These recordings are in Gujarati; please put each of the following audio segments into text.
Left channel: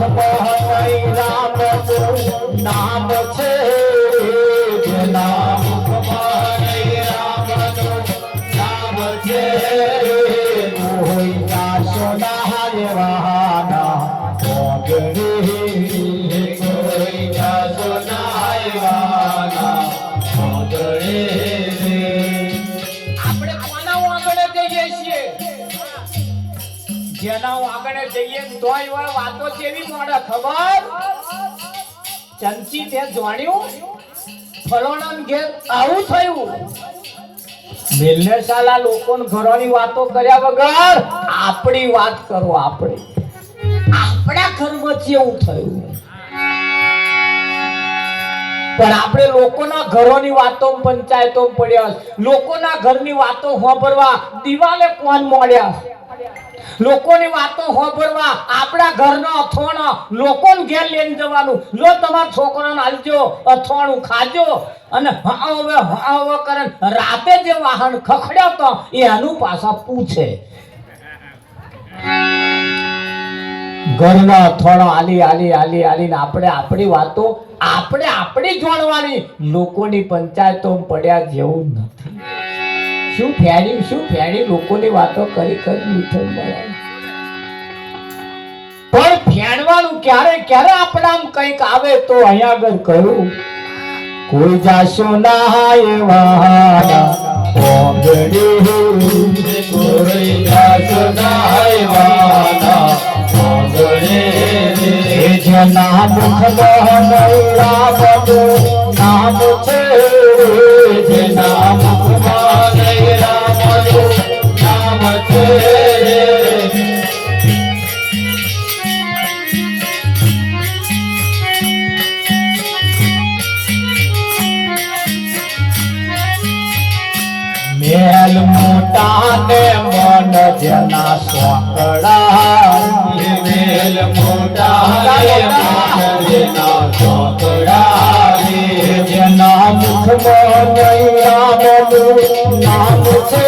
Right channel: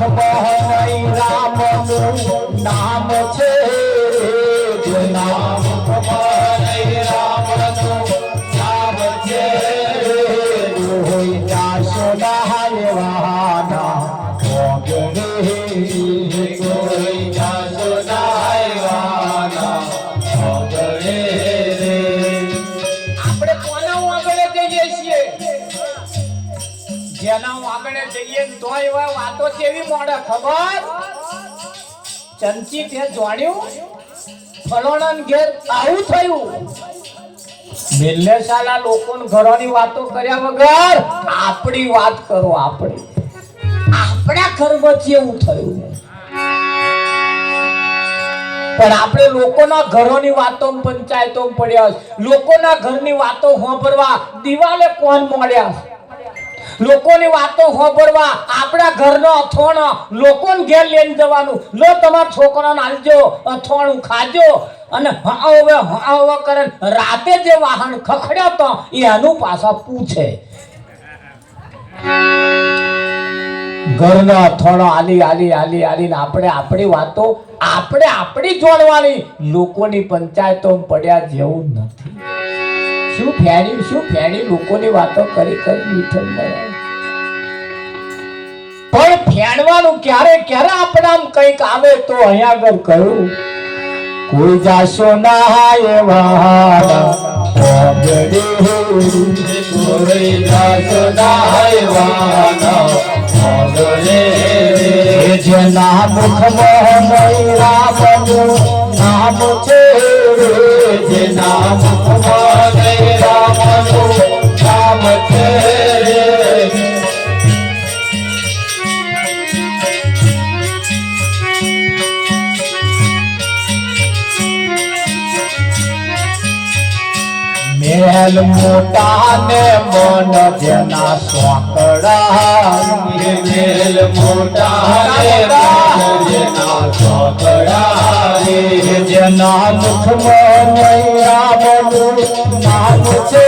મુખમાં રામનું નામ છે જેના મુખમાં રામનું નામ છે રોહિતા સોનાય વાના ભોગડે રોહિતા સોનાય વાના ભોગડે આપણે કોના આગળ જઈએ છીએ જેના આગળ જઈએ તો એવા વાતો કેવી મોડે ખબર ચંચી તે જોડ્યું ફલોણા ઘેર આવું થયું મિલ્લેશાલા લોકોને ઘરોની વાતો કર્યા વગર આપણી વાત કરો આપણા ઘરમાં કેવું થયું પણ આપણે લોકોના ઘરોની વાતો પંચાયતો પડ્યા લોકોના ઘરની વાતો હોંભરવા દિવાલે કોણ મોડ્યા લોકોની વાતો હોંભરવા આપણા ઘરનો અથોણો લોકોને ઘેર લઈને જવાનું લો તમારા છોકરાને આલજો અથોણું ખાજો અને હા કરે રાતે જે વાહન ખખડ્યો તો એનું પાછા પૂછે ઘરના અથોણો આલી ને આપણે આપણી વાતો આપણે આપણી જોડવાની લોકોની પંચાયતો પડ્યા જેવું નથી શું ફેડી લોકોની વાતો કરી મીઠું મળે પણ ફેડવાનું ક્યારે આપણામ કંઈક આવે તો અહીંયા આગળ કહ્યું કોઈ જાશો ના એવા કોઈ જાશો ના એવા જેના મુખમાં રામનું નામ છે જેના મુખમાં રામનું નામ છે મહેલ મોટા ને મન જેના સોકડા મહેલ મોટા ને મન જેના સોકડા જેના મુખમાં રામનું નામ છે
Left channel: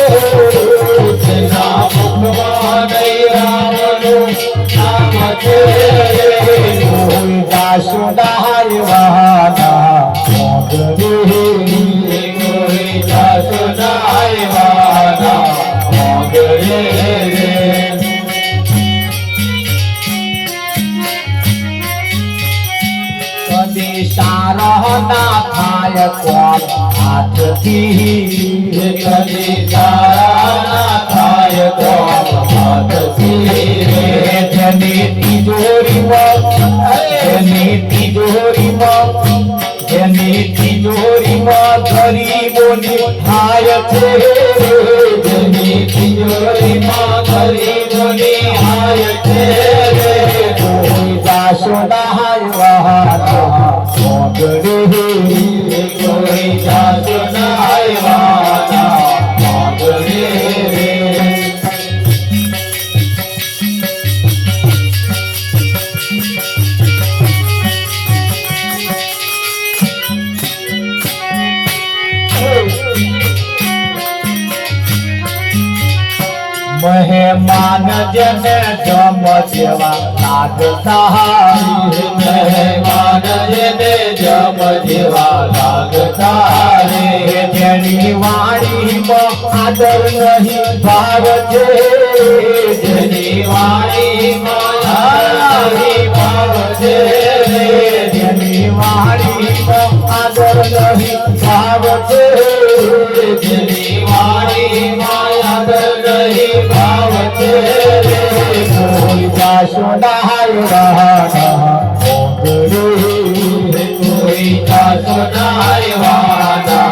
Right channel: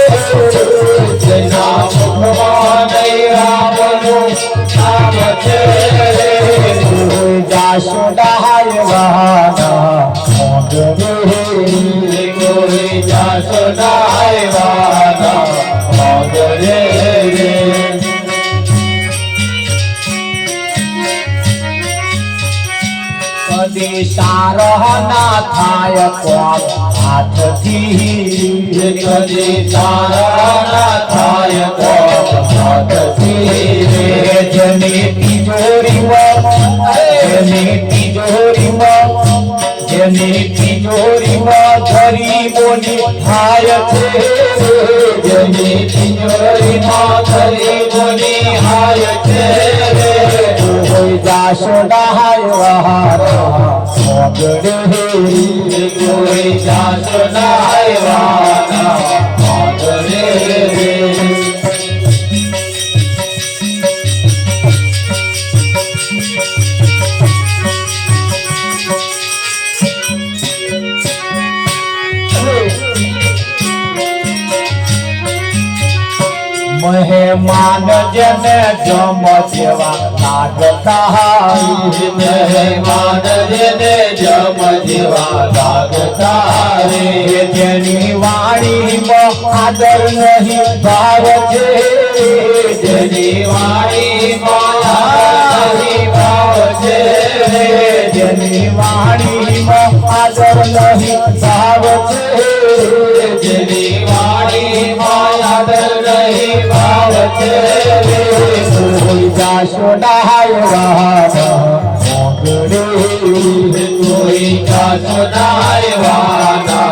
જેના મુખમાં રામનું નામ છે કોઈ જાસુદાય વાના કોઈ જાસુદાય વાના કદી સારહના થાય કોમ હાથથી કદી સારહના થાય કોમ હાથથી જેની તિજોરીમાં ગરીબોની થાય છે જેની તિજોરીમાં ગરીબોની થાય છે કોઈ જાશો નાય વહારા કોઈ જાશો નાય વહારા મહેમાન જેને જમ જેવા લાગતા મહેમાન જેને જમ જેવા લાગતા જેની વાણીમાં આદર નહીં ભાવ છે જેની વાણીમાં આદર નહીં ભાવ છે જેની વાણીમાં આદર નહીં ભાવ છે જેની વાણીમાં આદર નહીં ભાવ છે કોઈ જાશો નાય વાના કોઈ જાશો નાય વાના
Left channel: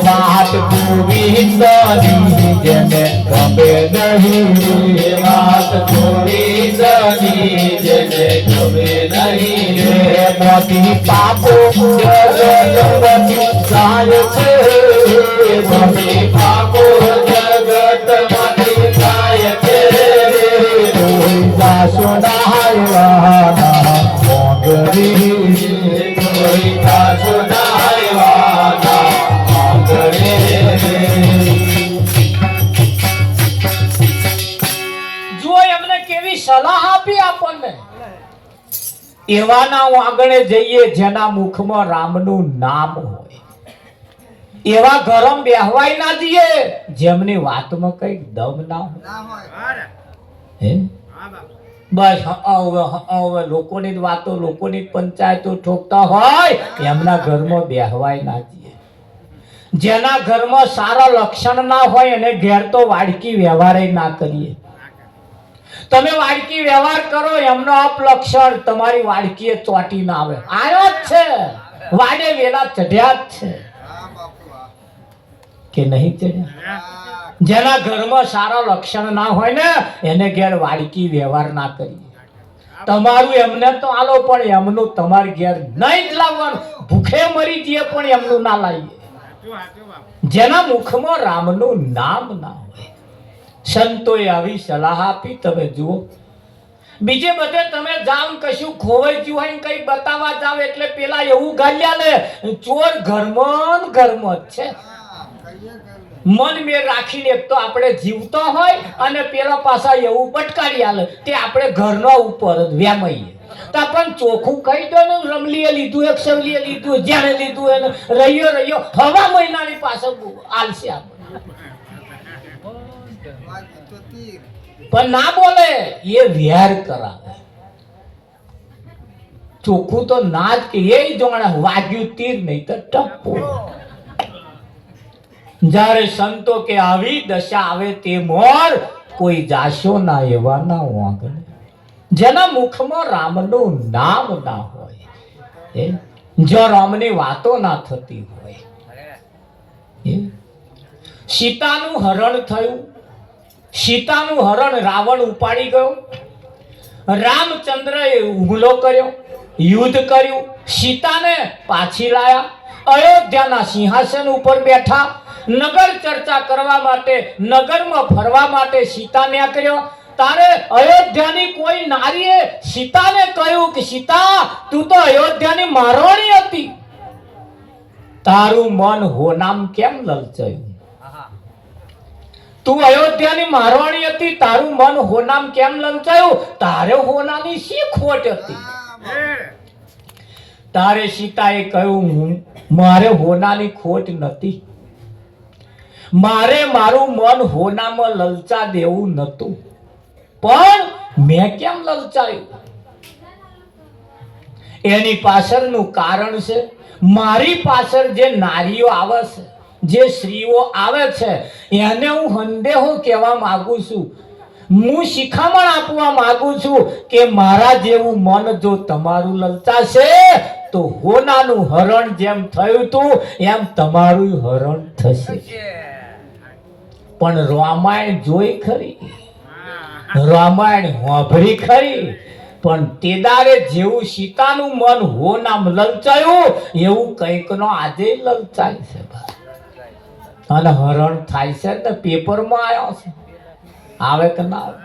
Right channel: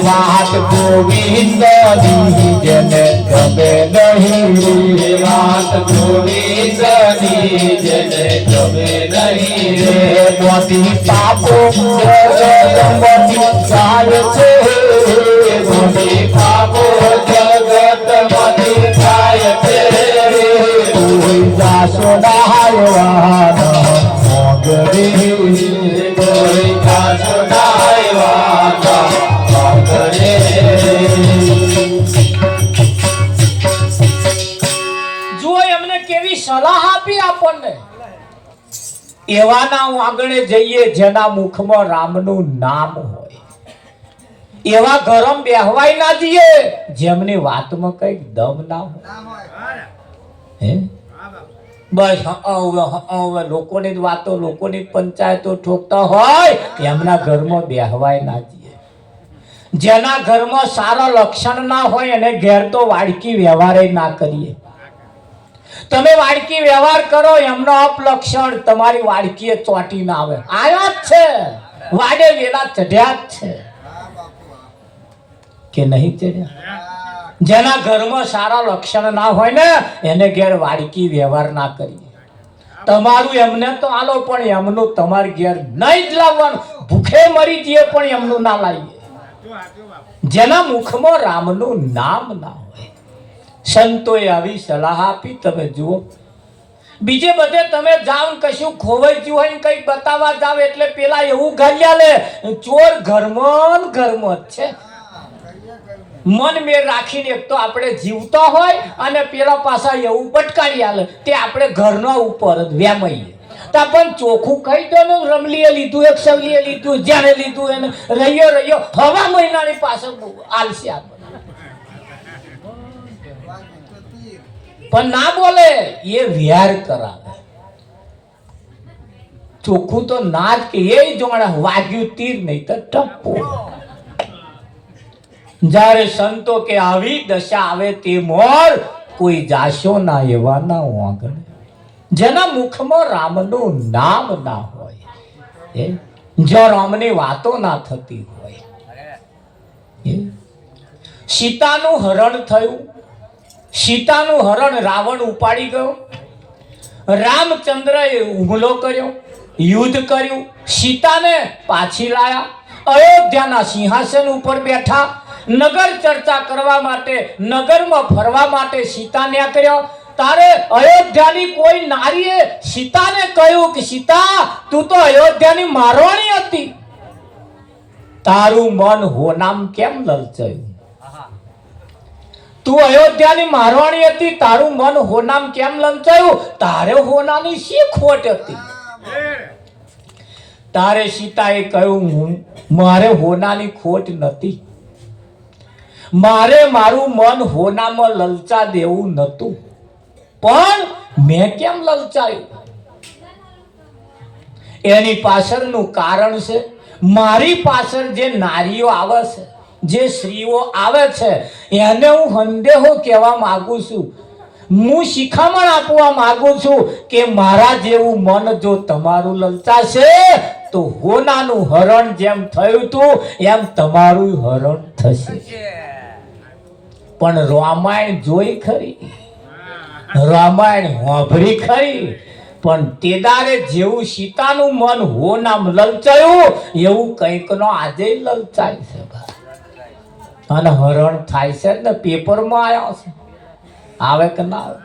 વાત ગોવિંદની જેને ગમે નહીં વાત ગોવિંદની જેને ગમે નહીં મોતી પાપો જગતમાંથી જાય છે મોતી પાપો જગતમાંથી જાય છે કોઈ જાશો નાય વાના કોઈ જાશો નાય વાના જો એમને કેવી સલાહ આપી એવાના આગળ જઈએ જેના મુખમાં રામનું નામ હોય. એવા ઘરમ બેહવાય ના જઈએ જેમની વાતમાં કઈક દમ ના હોય. હે બસ હવે લોકોની જ વાતો, લોકોની પંચાયતો ઠોકતા હોય એમના ઘરમાં બેહવાય ના જઈએ. જેના ઘરમાં સારા લક્ષણ ના હોય એને ઘેર તો વાડકી વ્યવહાર ના કરીએ. તમે વાડકી વ્યવહાર કરો એમનો અપલક્ષણ તમારી વાડકીએ ચોટી ના આવે. આયા જ છે, વાડે વેલા ચઢ્યા જ છે કે નહીં ચઢ્યા? જેના ઘરમાં સારા લક્ષણ ના હોય ને એને ઘેર વાડકી વ્યવહાર ના કરીએ. તમારું એમને તો આલો પણ એમનું તમારી ઘેર નહીં જ લાવવાનું. ભૂખે મરી જઈએ પણ એમનું ના લાવીએ. જેના મુખમાં રામનું નામ ના હોય. સંતોએ આવી સલાહ આપી. તમે જુઓ, બીજે બધે તમે જાવ કશું ખોવાઈ ગયું હોય કઈ બતાવવા જાવ એટલે પેલા એવું ગાલ્યા લે ચોર ઘરમાં જ છે. મન મેર રાખીને એક તો આપણે જીવતા હોય અને પેલા પાછા એવું પટકારી આલે તે આપણે ઘરના ઉપર જ વ્યામઈએ. તા પણ ચોખ્ખું કહી દો ને, રમલીએ લીધું, એક સવલીએ લીધું, જ્યારે લીધું એને રહ્યો હવા મહિનાની પાછળ આલશે આપણે. પણ ના બોલે એ વ્યાર કરાવે. ચોખ્ખું તો ના જ કે એ જોણે વાગ્યું તીર નહીં તો ટપ્પો. જ્યારે સંતો કે આવી દશા આવે તે મોર કોઈ જાશો ના એવા ના આગળ. જેના મુખમાં રામનું નામ ના હોય, જો રામની વાતો ના થતી હોય. સીતાનું હરણ થયું. સીતાનું હરણ રાવણ ઉપાડી ગયો. રામચંદ્રએ હુમલો કર્યો, યુદ્ધ કર્યું, સીતાને પાછી લાયા. અયોધ્યાના સિંહાસન ઉપર બેઠા. નગર ચર્ચા કરવા માટે, નગરમાં ફરવા માટે સીતાને કર્યો. તારે અયોધ્યાની કોઈ નારીએ સીતાને કહ્યું કે સીતા તું તો અયોધ્યાની મારવાણી હતી, તારું મન હોનામ કેમ લલચાયું? તું અયોધ્યાની મારવાણી હતી, તારું મન હોનામ કેમ લલચાયું? તારે હોનાની શી ખોટ હતી? તારે સીતાએ કહ્યું મારે હોનાની ખોટ નથી. મારે મારું મન હોનામાં લલચા દેવું નતું, પણ મેં કેમ લલચાયું? એની પાછળનું કારણ છે મારી પાછળ જે નારીઓ આવે છે, જે સ્ત્રીઓ આવે છે એને હું સંદેહો કહેવા માંગુ છું. હું શિખામણ આપવા માંગુ છું કે મારા જેવું મન જો તમારું લલચાશે તો હોનાનું હરણ જેમ થયું હતું એમ તમારું હરણ થશે. પણ રામાયણ જોઈ ખરી, રામાયણ વાંભળી ખરી, પણ તેદારે જેવું સીતાનું મન હોનામ લલચાયું એવું કંઈક નો આજે લલચાય છે. અને હરણ થાય છે ને પેપરમાં આવ્યા છે, આવે કે ના આવે?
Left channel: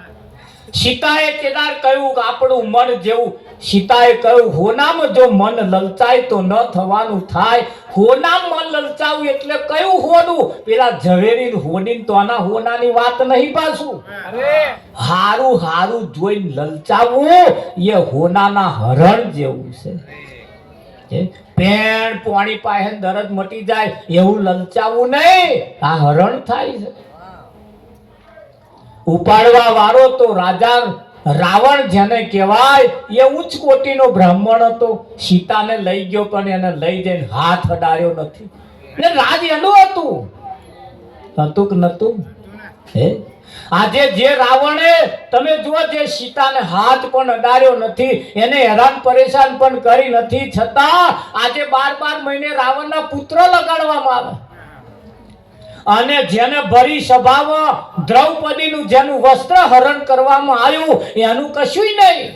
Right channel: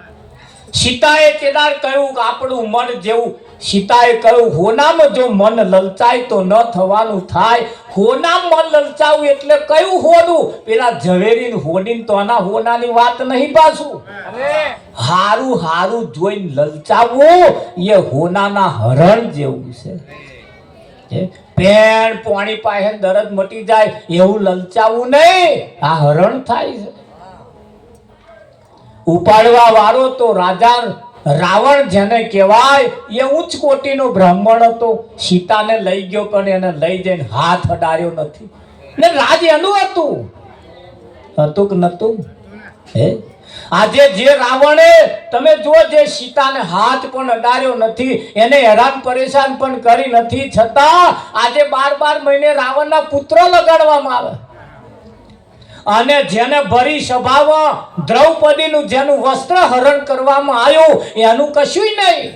સીતાએ તેદાર કહ્યું કે આપણું મન જેવું, સીતાએ કહ્યું હોનામ જો મન લલચાય તો ન થવાનું થાય. હોનામ મન લલચાવું એટલે કયું હોનું? પેલા ઝવેરી હોની તો આના હોનાની વાત નહીં. પાછું હારું હારું જોઈને લલચાવવું એ હોનાના હરણ જેવું છે. પેણ પાણી પાસે દરદ મટી જાય એવું લલચાવું નહીં, આ હરણ થાય છે. ઉપાડવા વાળો તો રાજા રાવણ જેને કહેવાય એ ઉચ્ચ કોટીનો બ્રાહ્મણ હતો. સીતાને લઈ ગયો પણ એને લઈ જઈને હાથ અડાડ્યો નથી. ને રાજ એનું હતું કે નતું? આજે જે રાવણે તમે જો જે સીતાને હાથ પણ અડાડ્યો નથી, એને હેરાન પરેશાન પણ કરી નથી, છતાં આજે 12 મહિને રાવણના પુત્ર લગાડવામાં આવે. અને જેને ભરી સભામાં દ્રૌપદીનું જેનું વસ્ત્ર હરણ કરવામાં આવ્યું એનું કશું નહીં.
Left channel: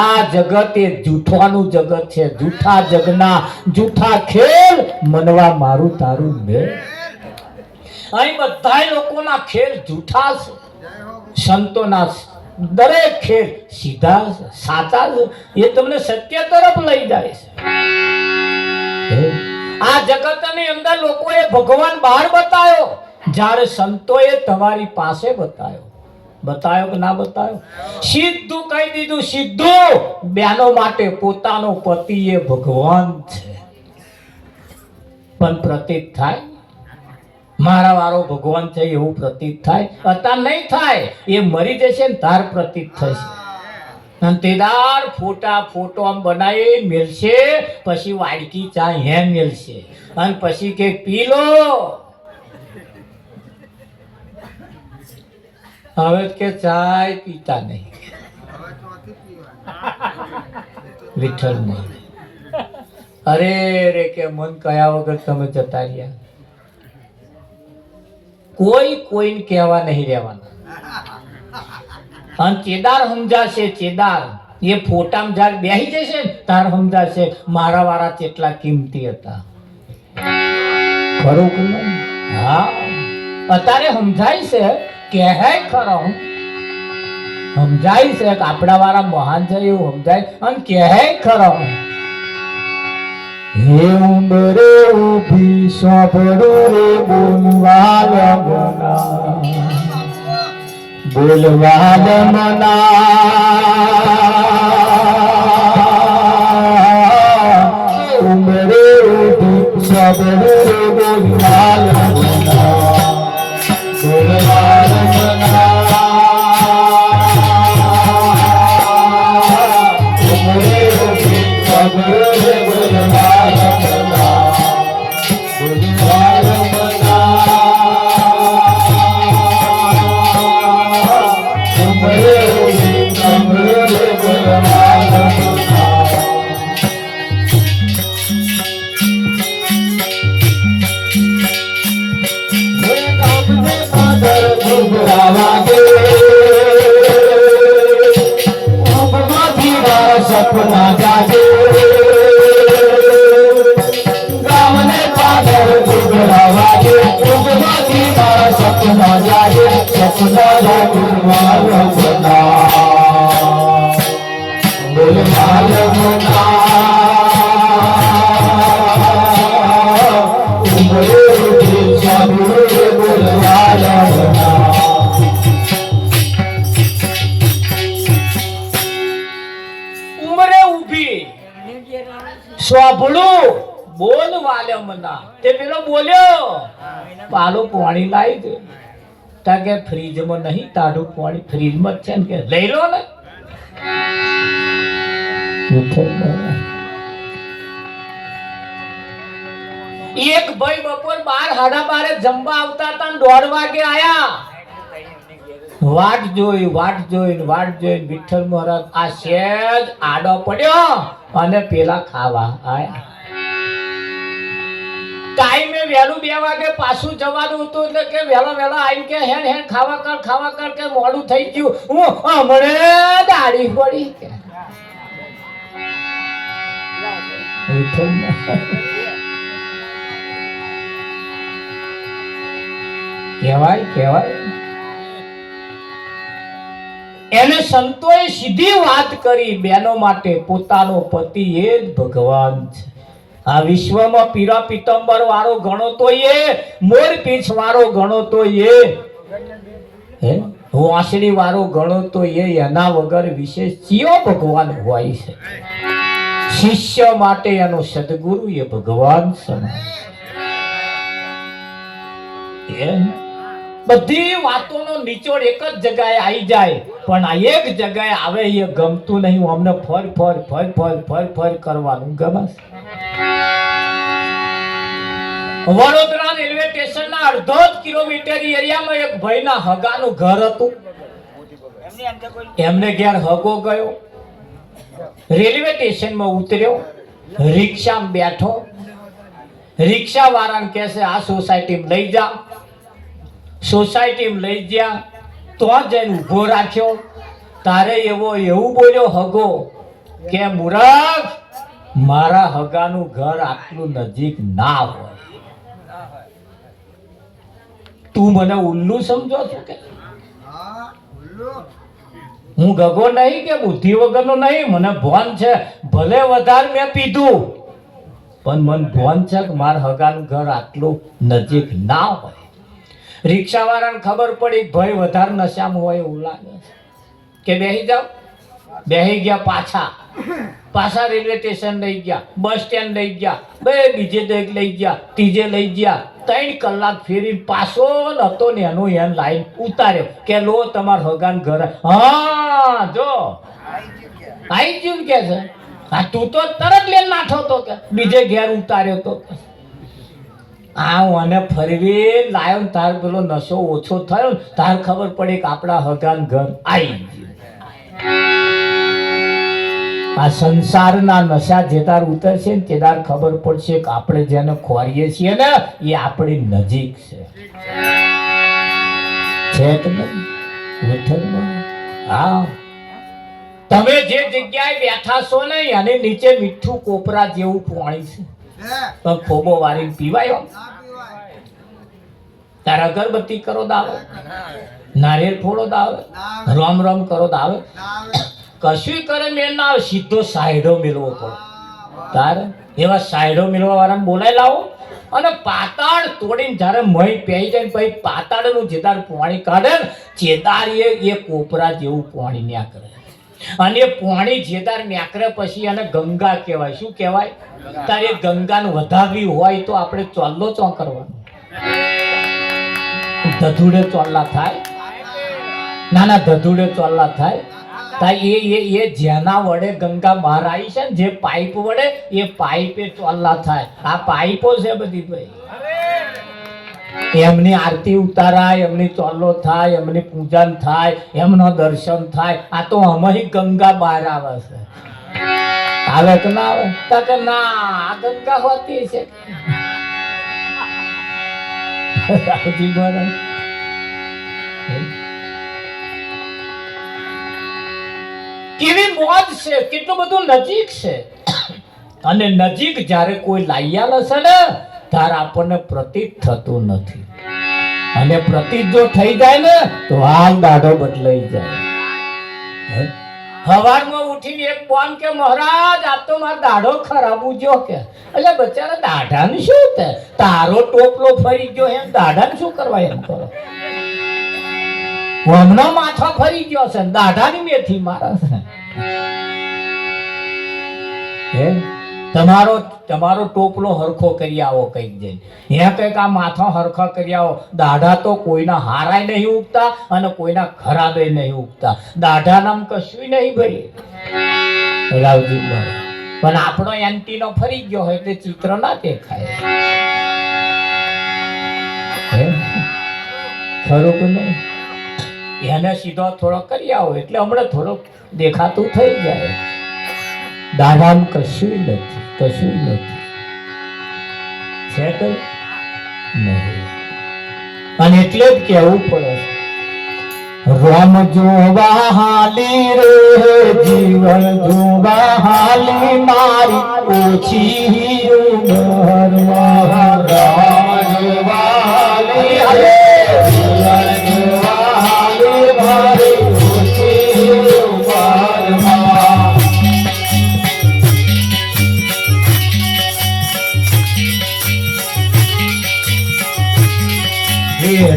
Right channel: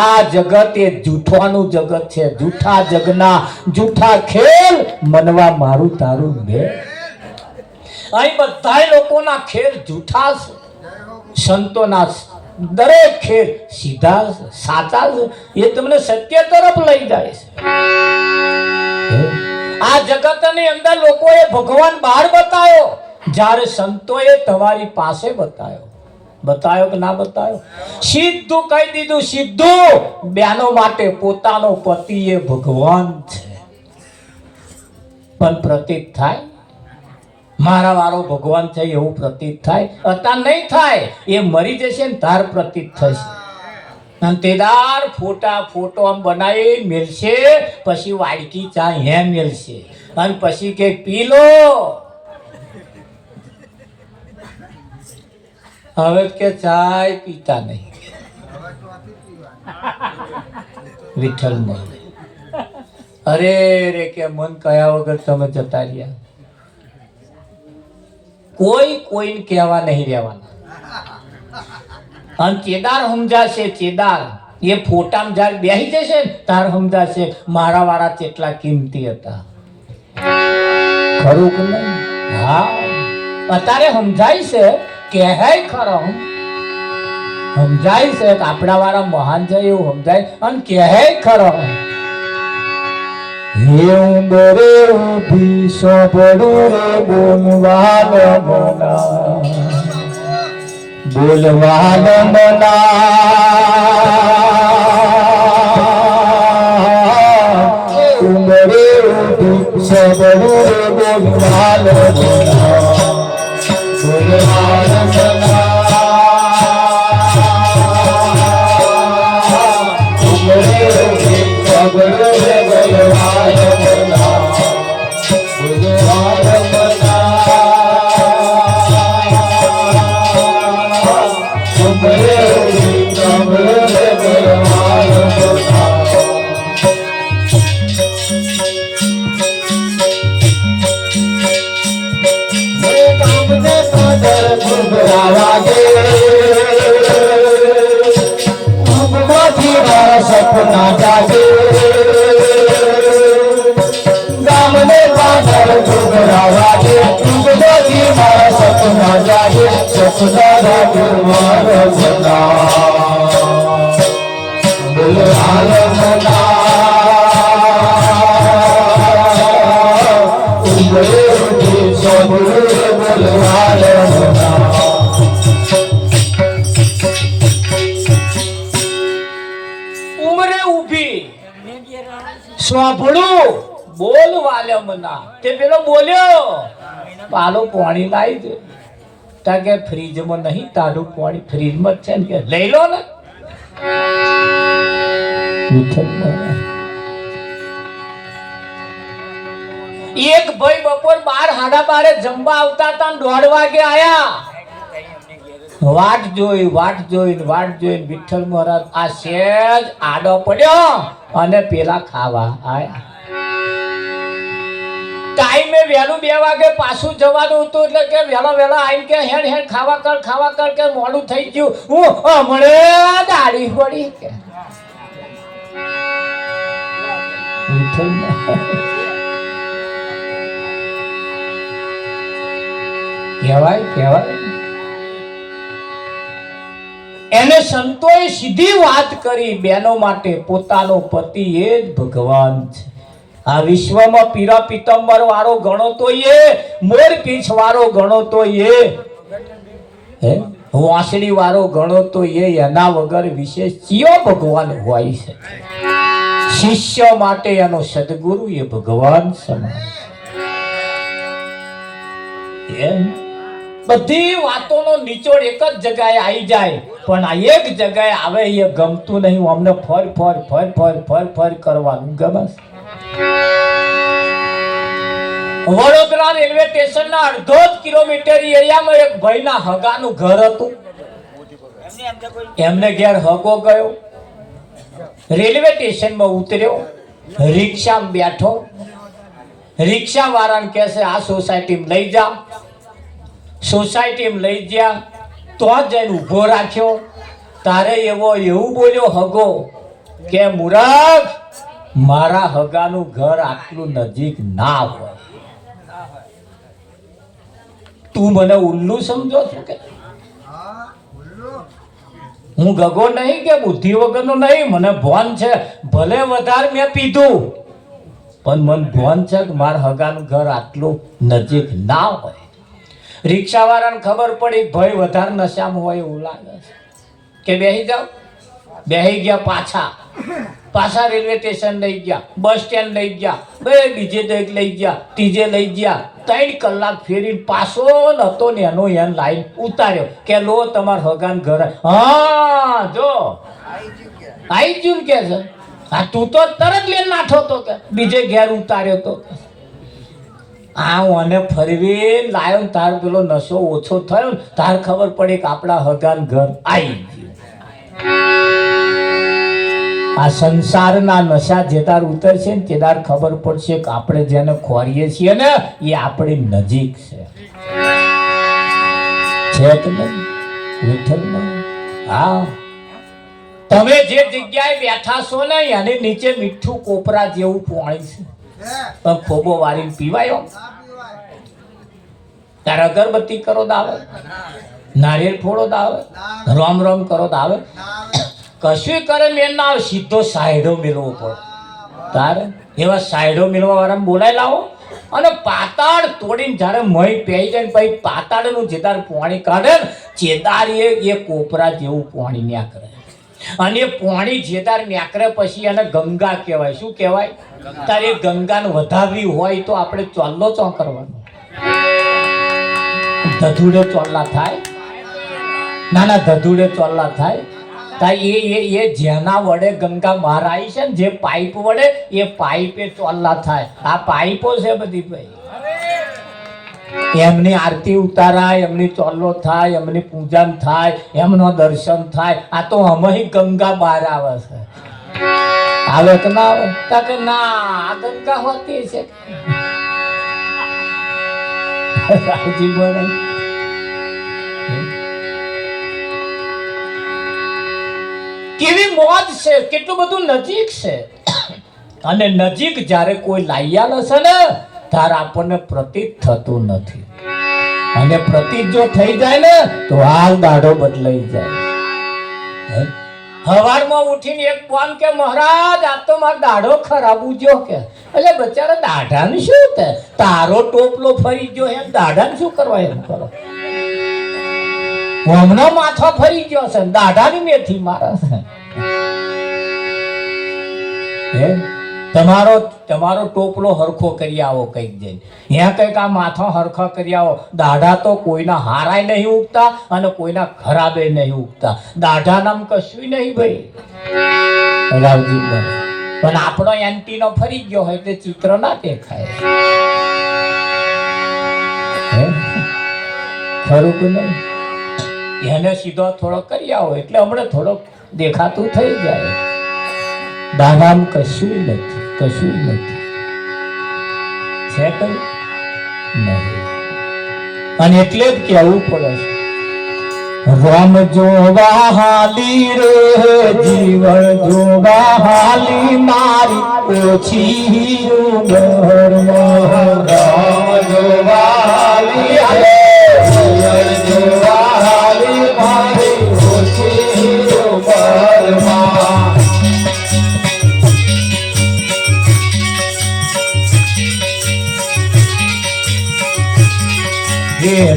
આ જગત એ જૂઠવાનું જગત છે. જૂઠા જગના જૂઠા ખેલ મનવા મારું તારું ને. અહીં બધા લોકોના ખેલ જૂઠા છે. સંતોના દરેક ખેલ સીધા સાચા છે. એ તમને સત્ય તરફ લઈ જાય છે. આ જગતની અંદર લોકોએ ભગવાન બહાર બતાવ્યો, જ્યારે સંતોએ તમારી પાસે બતાવ્યો. બતાવ્યો કે ના બતાવ્યો? સીધું કહી દીધું, સીધું. બહેનો માટે પોતાનો પતિ એ ભગવાન છે. પણ પ્રતીત થાય મારા વાળો ભગવાન છે એવું પ્રતીત થાય? અત્યારે નહીં થાય, એ મરી જશે ને તાર પ્રતીત થશે. અને તેદાર ફોટો આમ બનાવી મેલશે, પછી વાડકી ચા હે મેલશે, અને પછી કે પી લો. હવે કે ચાય પીતા નહીં, વિઠ્ઠલ નહીં. અરે રે કે મન કયા વગર તમે જતા રહ્યા. કોઈને કહેવા નહીં રહેવાના. અને ચેદાર સમજાશે, ચેદાર એ ફોટામાં જ્યારે બેસી જશે ને તાર સમજાશે મારા વાળા કેટલા કિંમતી હતા. ખરું કે નહીં? હા, અત્યારે સમજાય છે કે હે ખરો, સમજાય છે કે આપણા વાળા મહાન છે એવું સમજાય, અને કે હે ખરો. હે ઉંબરે ઉભી સાંભળો રે બોલવાલ મના, બોલવાલ મના. ઉંબરે ઉભી સાંભળો રે બોલવાલ મના, બોલવાલ મના. ઉંબરે ઉભી સાંભળો રે બોલવાલ મના, બોલવાલ મના. ઉંબરે ઉભી સાંભળો રે બોલવાલ મના. સપના જાગે ગામને પાદર ઘૂઘરા વાગે, ઉગવાથી મારા સપના જાગે, સપના રે બોલવાલ મના, બોલવાલ મના. ઉંબરે ઉભી સાંભળો રે બોલવાલ મના. સાંભળું બોલવાલ મના. તે પેલો બોલ્યો પાલો પાણી લાવી દે. તા કે ફ્રીજમાં નહીં, તારું પાણી ફ્રીજમાં જ છે ને, કે લઈ લો ને. એક ભાઈ બપોર 12:30 જમવા આવતા હતા, 1:30 વાગે આયા. વાટ જોઈ વિઠ્ઠલ મહારાજ આ સેજ આડો પડ્યો અને પેલા ખાવા આયા. ટાઈમે વહેલું 2 વાગે પાછું જવાનું હતું, એટલે કે વહેલા આવીને કે હેડ ખાવા કર કે મોડું થઈ ગયું, હું હમણે દાઢી પડી. કે કહેવાય એને સંતોએ સીધી વાત કરી, બહેનો માટે પોતાનો પતિ એ જ ભગવાન છે. આ વિશ્વમાં પીરા પિત્તંબર વાળો ગણો તો એ, મોર પીછ વાળો ગણો તો એ, વાંસળી વાળો ગણો તો એના વગર વિશેષ કયો ભગવાન હોય છે? શિષ્ય માટે એનો સદગુરુ એ ભગવાન સમાન. બધી વાતોનો નિચોડ એક જ જગ્યાએ આવી જાય, પણ આ એક જગ્યાએ આવે એ ગમતું નહીં. અમને ફર કરવાનું ગમે. વડોદરા રેલવે સ્ટેશનના 1.5 કિલોમીટર એરિયામાં એક ભાઈના હગાનું ઘર હતું. એમને ઘેર હગો ગયો, રેલવે સ્ટેશનમાં ઉતર્યો, રિક્ષામાં બેઠો. રિક્ષા વાળાને કહે છે આ સોસાયટીમાં લઈ જા. સોસાયટીમાં લઈ ગયા તો જઈને ઊભો રાખ્યો. તારે એવું બોલ્યો હગો કે મૂરખ, મારા હગાનું ઘર આટલું નજીક ના હોય. તું મને ઉલ્લુ સમજો છો? કે હું ગગો નહીં કે બુદ્ધિ વગરનો નહીં, મને ભાન છે. ભલે વધારે મેં પીધું, પણ મને ભાન છે કે મારા હગાનું ઘર આટલું નજીક ના હોય. રિક્ષાવાળાને ખબર પડી ભાઈ વધારે નશામાં હોય એવું લાગે કે બેસી જાઓ, બેસી ગયા, પાછા રેલવે સ્ટેશન લઈ ગયા, બસ સ્ટેન્ડ લઈ ગયા, બે બીજે દરેક લઈ ગયા, ત્રીજે લઈ ગયા, 3 કલાક ફેરીને પાછો નતો ને એનો એન લાઈન ઉતાર્યો કે લો તમાર હગાન ઘર. હા જો આઈ ગયું કે છે. હા તું તો તરત લઈને નાઠો તો કે બીજે ઘેર ઉતાર્યો તો. આ મને ફરવી લાયો ને તાર પેલો નશો ઓછો થયો ને તાર ખબર પડી કે આપણા હગાન ઘર આવી ગયું. આ સંસારના નશા જે તાર ઉતરશે ને તે તાર ખબર પડશે કે આપણે જેને ખોરીએ છીએ ને એ આપણી નજીક છે કે નહીં વિઠ્ઠલમાં? હા, તમે જે જગ્યાએ બેઠા છો ને એની નીચે મીઠું કોપરા જેવું પાણી છે, પણ ખોબો વાળીને પીવાયો. તારે અગરબત્તી કરો દાવે, નારિયેળ ફોડો દાવે, રામ રામ કરો દાવે, કશું કરે મેં ના આવે, સીધો સાયડો મેળવો પડે. તારે એવા સાયડો મેળવા વાળા બોલાય લાવો અને પાતાળ તોડીને જ્યારે મહી પહેરી જાય પછી પાતાળનું જેદાર પાણી કાઢે ને ચેદાર એ કોપરા જેવું પાણી ન્યાકરે. અને એ પાણી જેદાર ન્યાકરે પછી એને ગંગા કહેવાય. શું કહેવાય? તારે ગંગાને વધારવી હોય તો આપણે ચોલ્લો ચો કરવાનો. ધધુડે ચોલ્લા થાય, નાના ધધુડે ચોલ્લા થાય. એ જેના વડે ગંગા બહાર આવી છે ને જે પાઇપ વડે એ પાઇપે ચોલ્લા થાય. આ પાઇપો છે બધી ભાઈ. એમની આરતી ઉતારાય, એમની ચોલ્લો થાય, એમની પૂજન થાય, એમના દર્શન થાય. આ તો અમે ગંગા બહાર આવે છે. આવે કે ના આવે? કે ના, આ ગંગા હોતી છે. રાવજી બોલે કેવી મોજ છે, કેટલું બધું નજીક છે. અને નજીક જ્યારે કોઈ લાયાલ હશે ને ત્યારે આપણને પ્રતીત થતું નથી. અને પ્રતીત જો થઈ જાય ને તો હાલ દાઢો બદલાઈ જાય. સવારમાં ઉઠીને એક બોન કે મહારાજ આ તો મારો દાઢો ખરાબ ઉજ્યો કે. એટલે બચારા દાઢાનું શું થાય? તારો ટોપલો ફરી ગયો એમ દાઢાને શું કરવા એમ કરો? હમણાં માથા ફરી ગયો છે, દાઢાની મેથી મારે છે. તમારો ટોપલો હરખો કરી આવો કઈક જઈને. ત્યાં કઈક આ માથા હરખા કરી આવો. દાઢા તો કોઈના હારાય નહીં ઉગતા અને કોઈના ખરાબે નહીં ઉગતા. દાઢા નામ કશું નહીં ભાઈ. રાવજી પણ આપણો એન્ટીનો ફરી ગયો હોય એટલે ચિત્ર ના દેખાય. ખરું કે નહીં? એને સીધો થોડો કરી આવો એટલે હમણાં થોડોક દેખાતું થઈ જાય. દાદામાં કશું નથી, કશું નથી છે કઈ નહીં. અને એટલે જ કહેવું પડે રામ જોવા હાલી રે જીવન જોવા હાલી મારી ઓછી ઉંમર રામ જોવા હાલી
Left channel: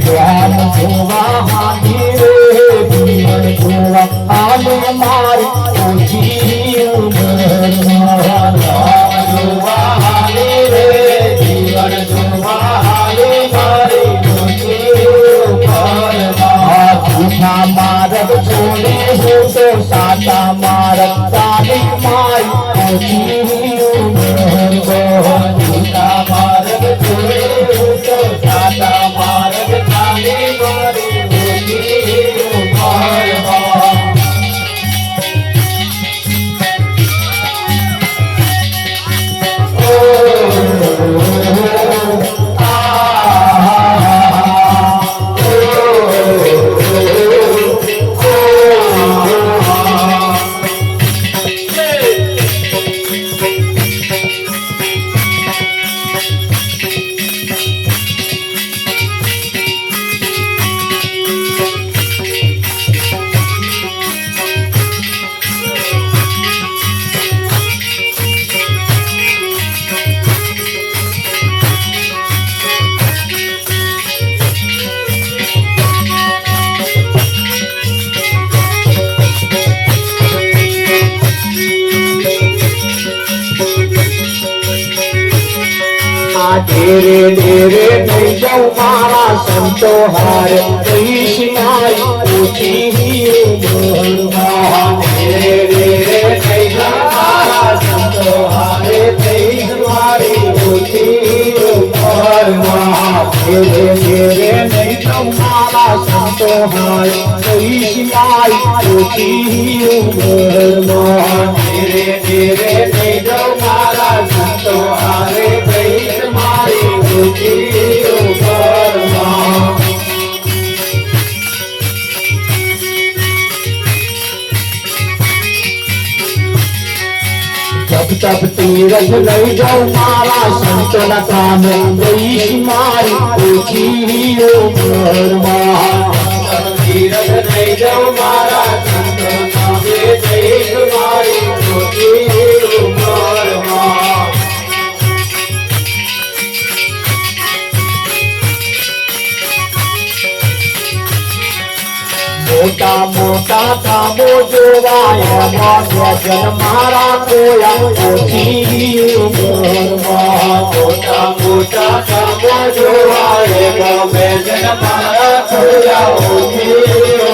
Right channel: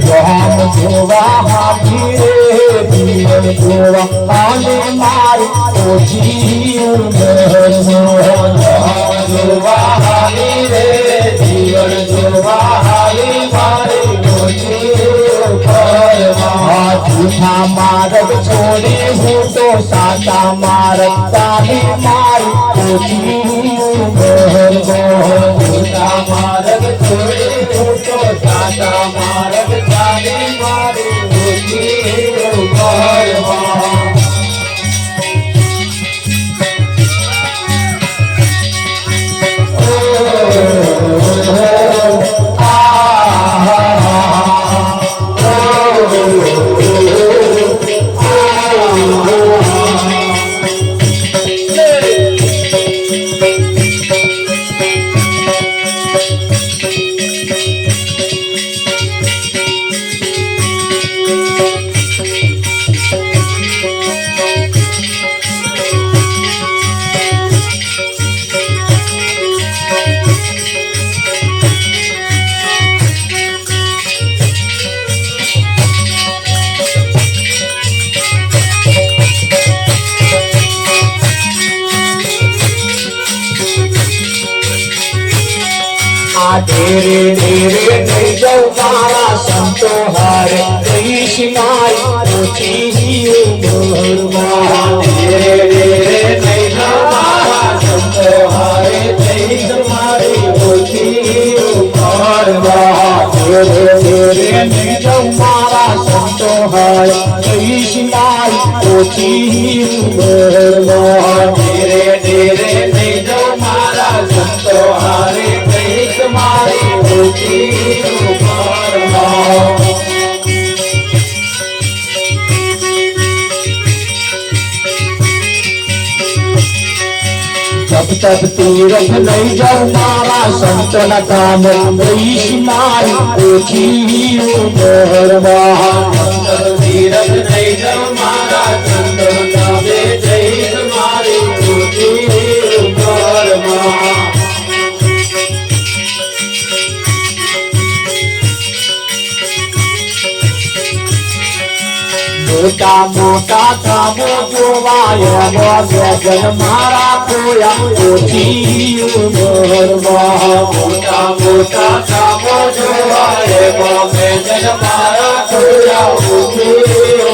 રામ જોવા હાલી રે જીવન જોવા હાલી મારી ઓછી ઉંમર રામ જોવા હાલી રે જીવન જોવા હાલી મારી ઓછી ઉંમર જૂઠા માર્ગ છોડે હું તો સાચા માર્ગ ચાલી મારી ઓછી ઉંમર જૂઠા માર્ગ છોડે હું તો સાચા માર્ગ ચાલી મારી ઓછી ઉંમર. ઓ આ ધીરે ધીરે થઈ જાઉં મારા સંતો હારે કહીશ મારી ઓછી ઉંમરમાં. ધીરે ધીરે થઈ જાઉં મારા સંતો હારે કહીશ મારી ઓછી ઉંમરમાં. ધીરે ધીરે થઈ જાઉં મારા સંતો હારે કહીશ મારી ઓછી ઉંમરમાં. ધીરે ધીરે થઈ જાઉં મારા સંતો હારે કહીશ મારી ઓછી ઉંમરમાં. जब तब तीरथ नहीं जाऊं मारा संत न काम कहीश मारी ओછી उमરમાં. तीरथ नहीं जाऊं मारा संत न काम कहीश मारी ओછી उमરમાં. મોટા મોટા કામો જોવાયા ભજન મારા કોયા ઓછી ઉંમરમાં. મોટા મોટા કામો જોવાયા ભજન મારા કોયા ઓછી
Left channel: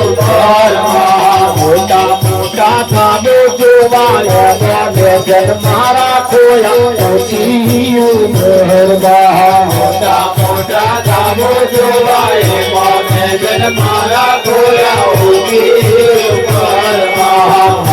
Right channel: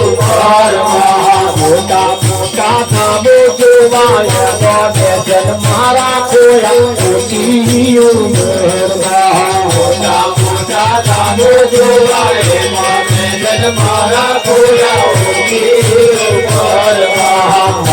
ઉંમરમાં. મોટા મોટા કામો જોવાયા ભજન મારા કોયા ઓછી ઉંમરમાં. મોટા મોટા કામો જોવાયા ભજન મારા કોયા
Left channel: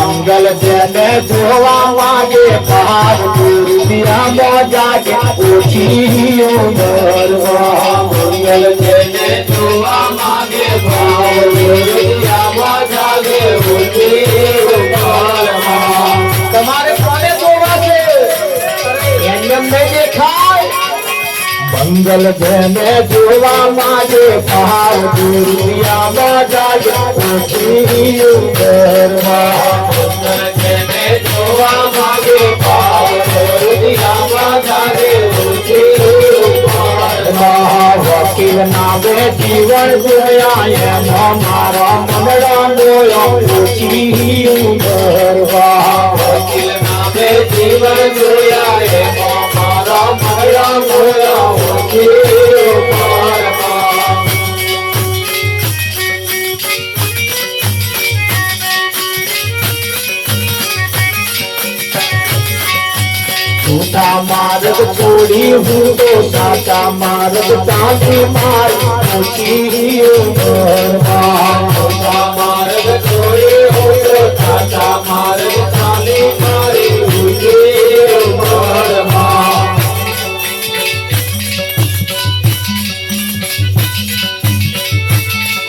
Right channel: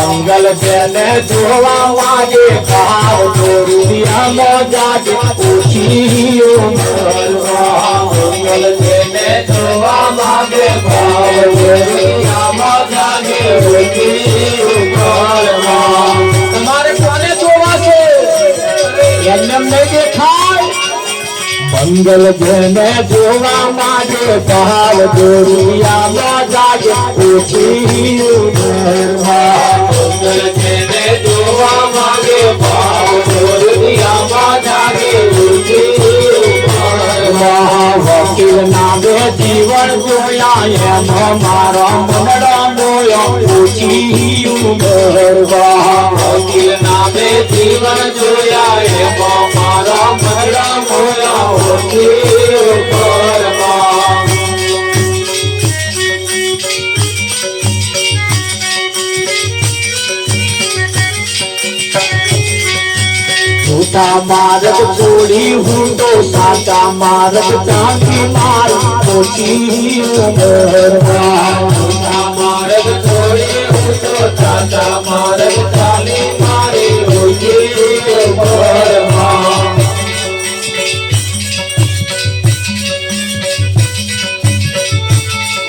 મંગલ જેને જોવા વાગે ભાવ દુનિયામાં જાગે ઓછી ઉંમરમાં. મંગલ જેને જોવા માંગે ભાવ દુનિયામાં જાગે ઓછી ઉંમરમાં. તમારે કોને જોવા છે? એમને દેખાય. મંગલ જેને જોવા માંગે ભાવ દુનિયામાં જાગે ઓછી ઉંમરમાં. મંગલ જેને જોવા માંગે ભાવ દુનિયામાં જાગે ઓછી ઉંમરમાં. વકીલ ના બે જીવન જોયા એમાં મારા મનડા મોયા ઓછી ઉંમરમાં. વકીલ ના બે જીવન જોયા એમાં મારા મનડા મોયા ઓછી ઉંમરમાં. ખોટા માર્ગ છોડી હું તો સાચા માર્ગ ચાલી મારી ઓછી ઉંમરમાં. ખોટા માર્ગ છોડી હું તો સાચા માર્ગ ચાલી મારી ઓછી ઉંમરમાં.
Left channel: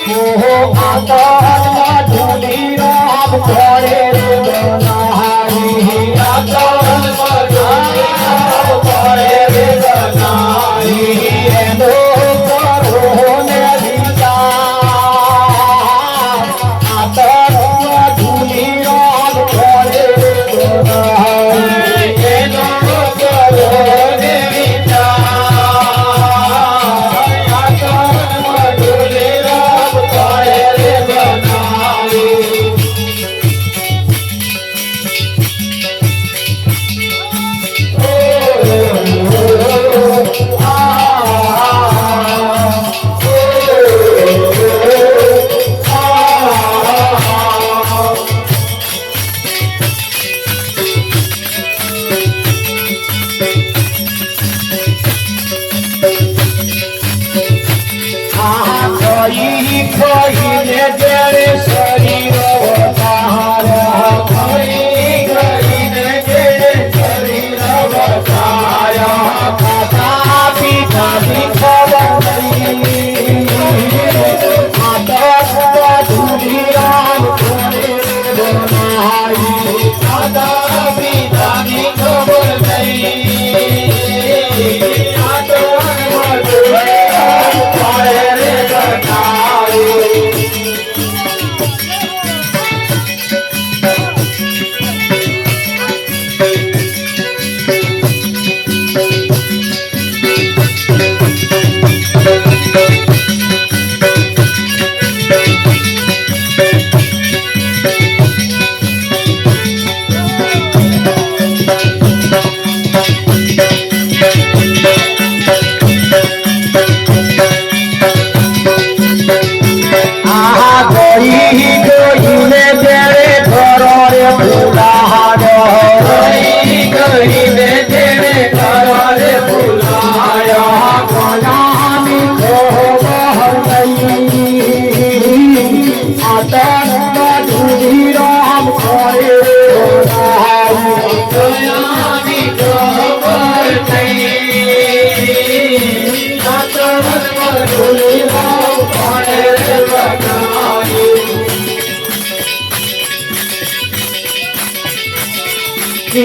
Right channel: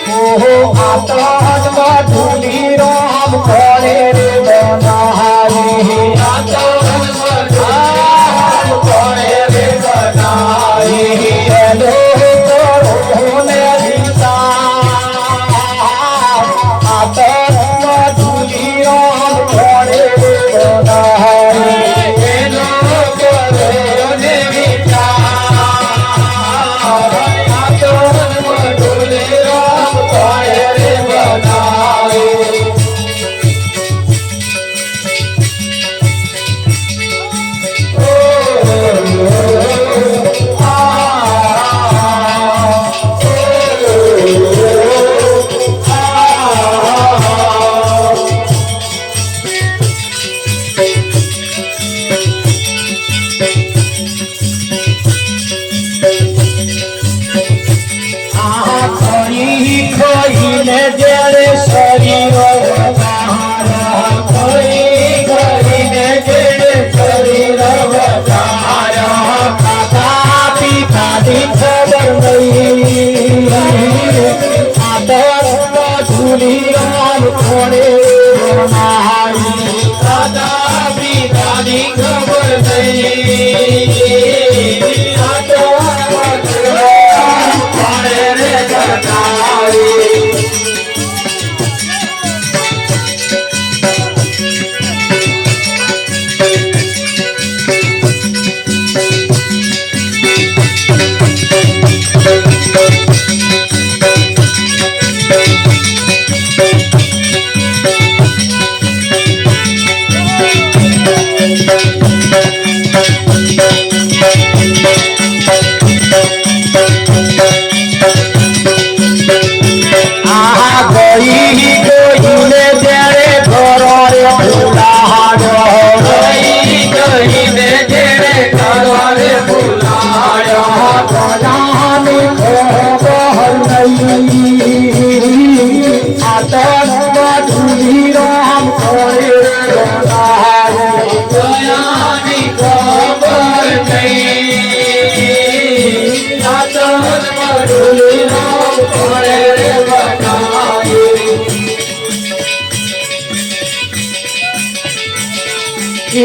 મોહો આકાશમાં ધૂળી રામ કરે રે બનારી. આકાશમાં ધૂળી રામ કરે રે બનારી. એનો કરોને દીધા. આકાશમાં ધૂળી રામ કરે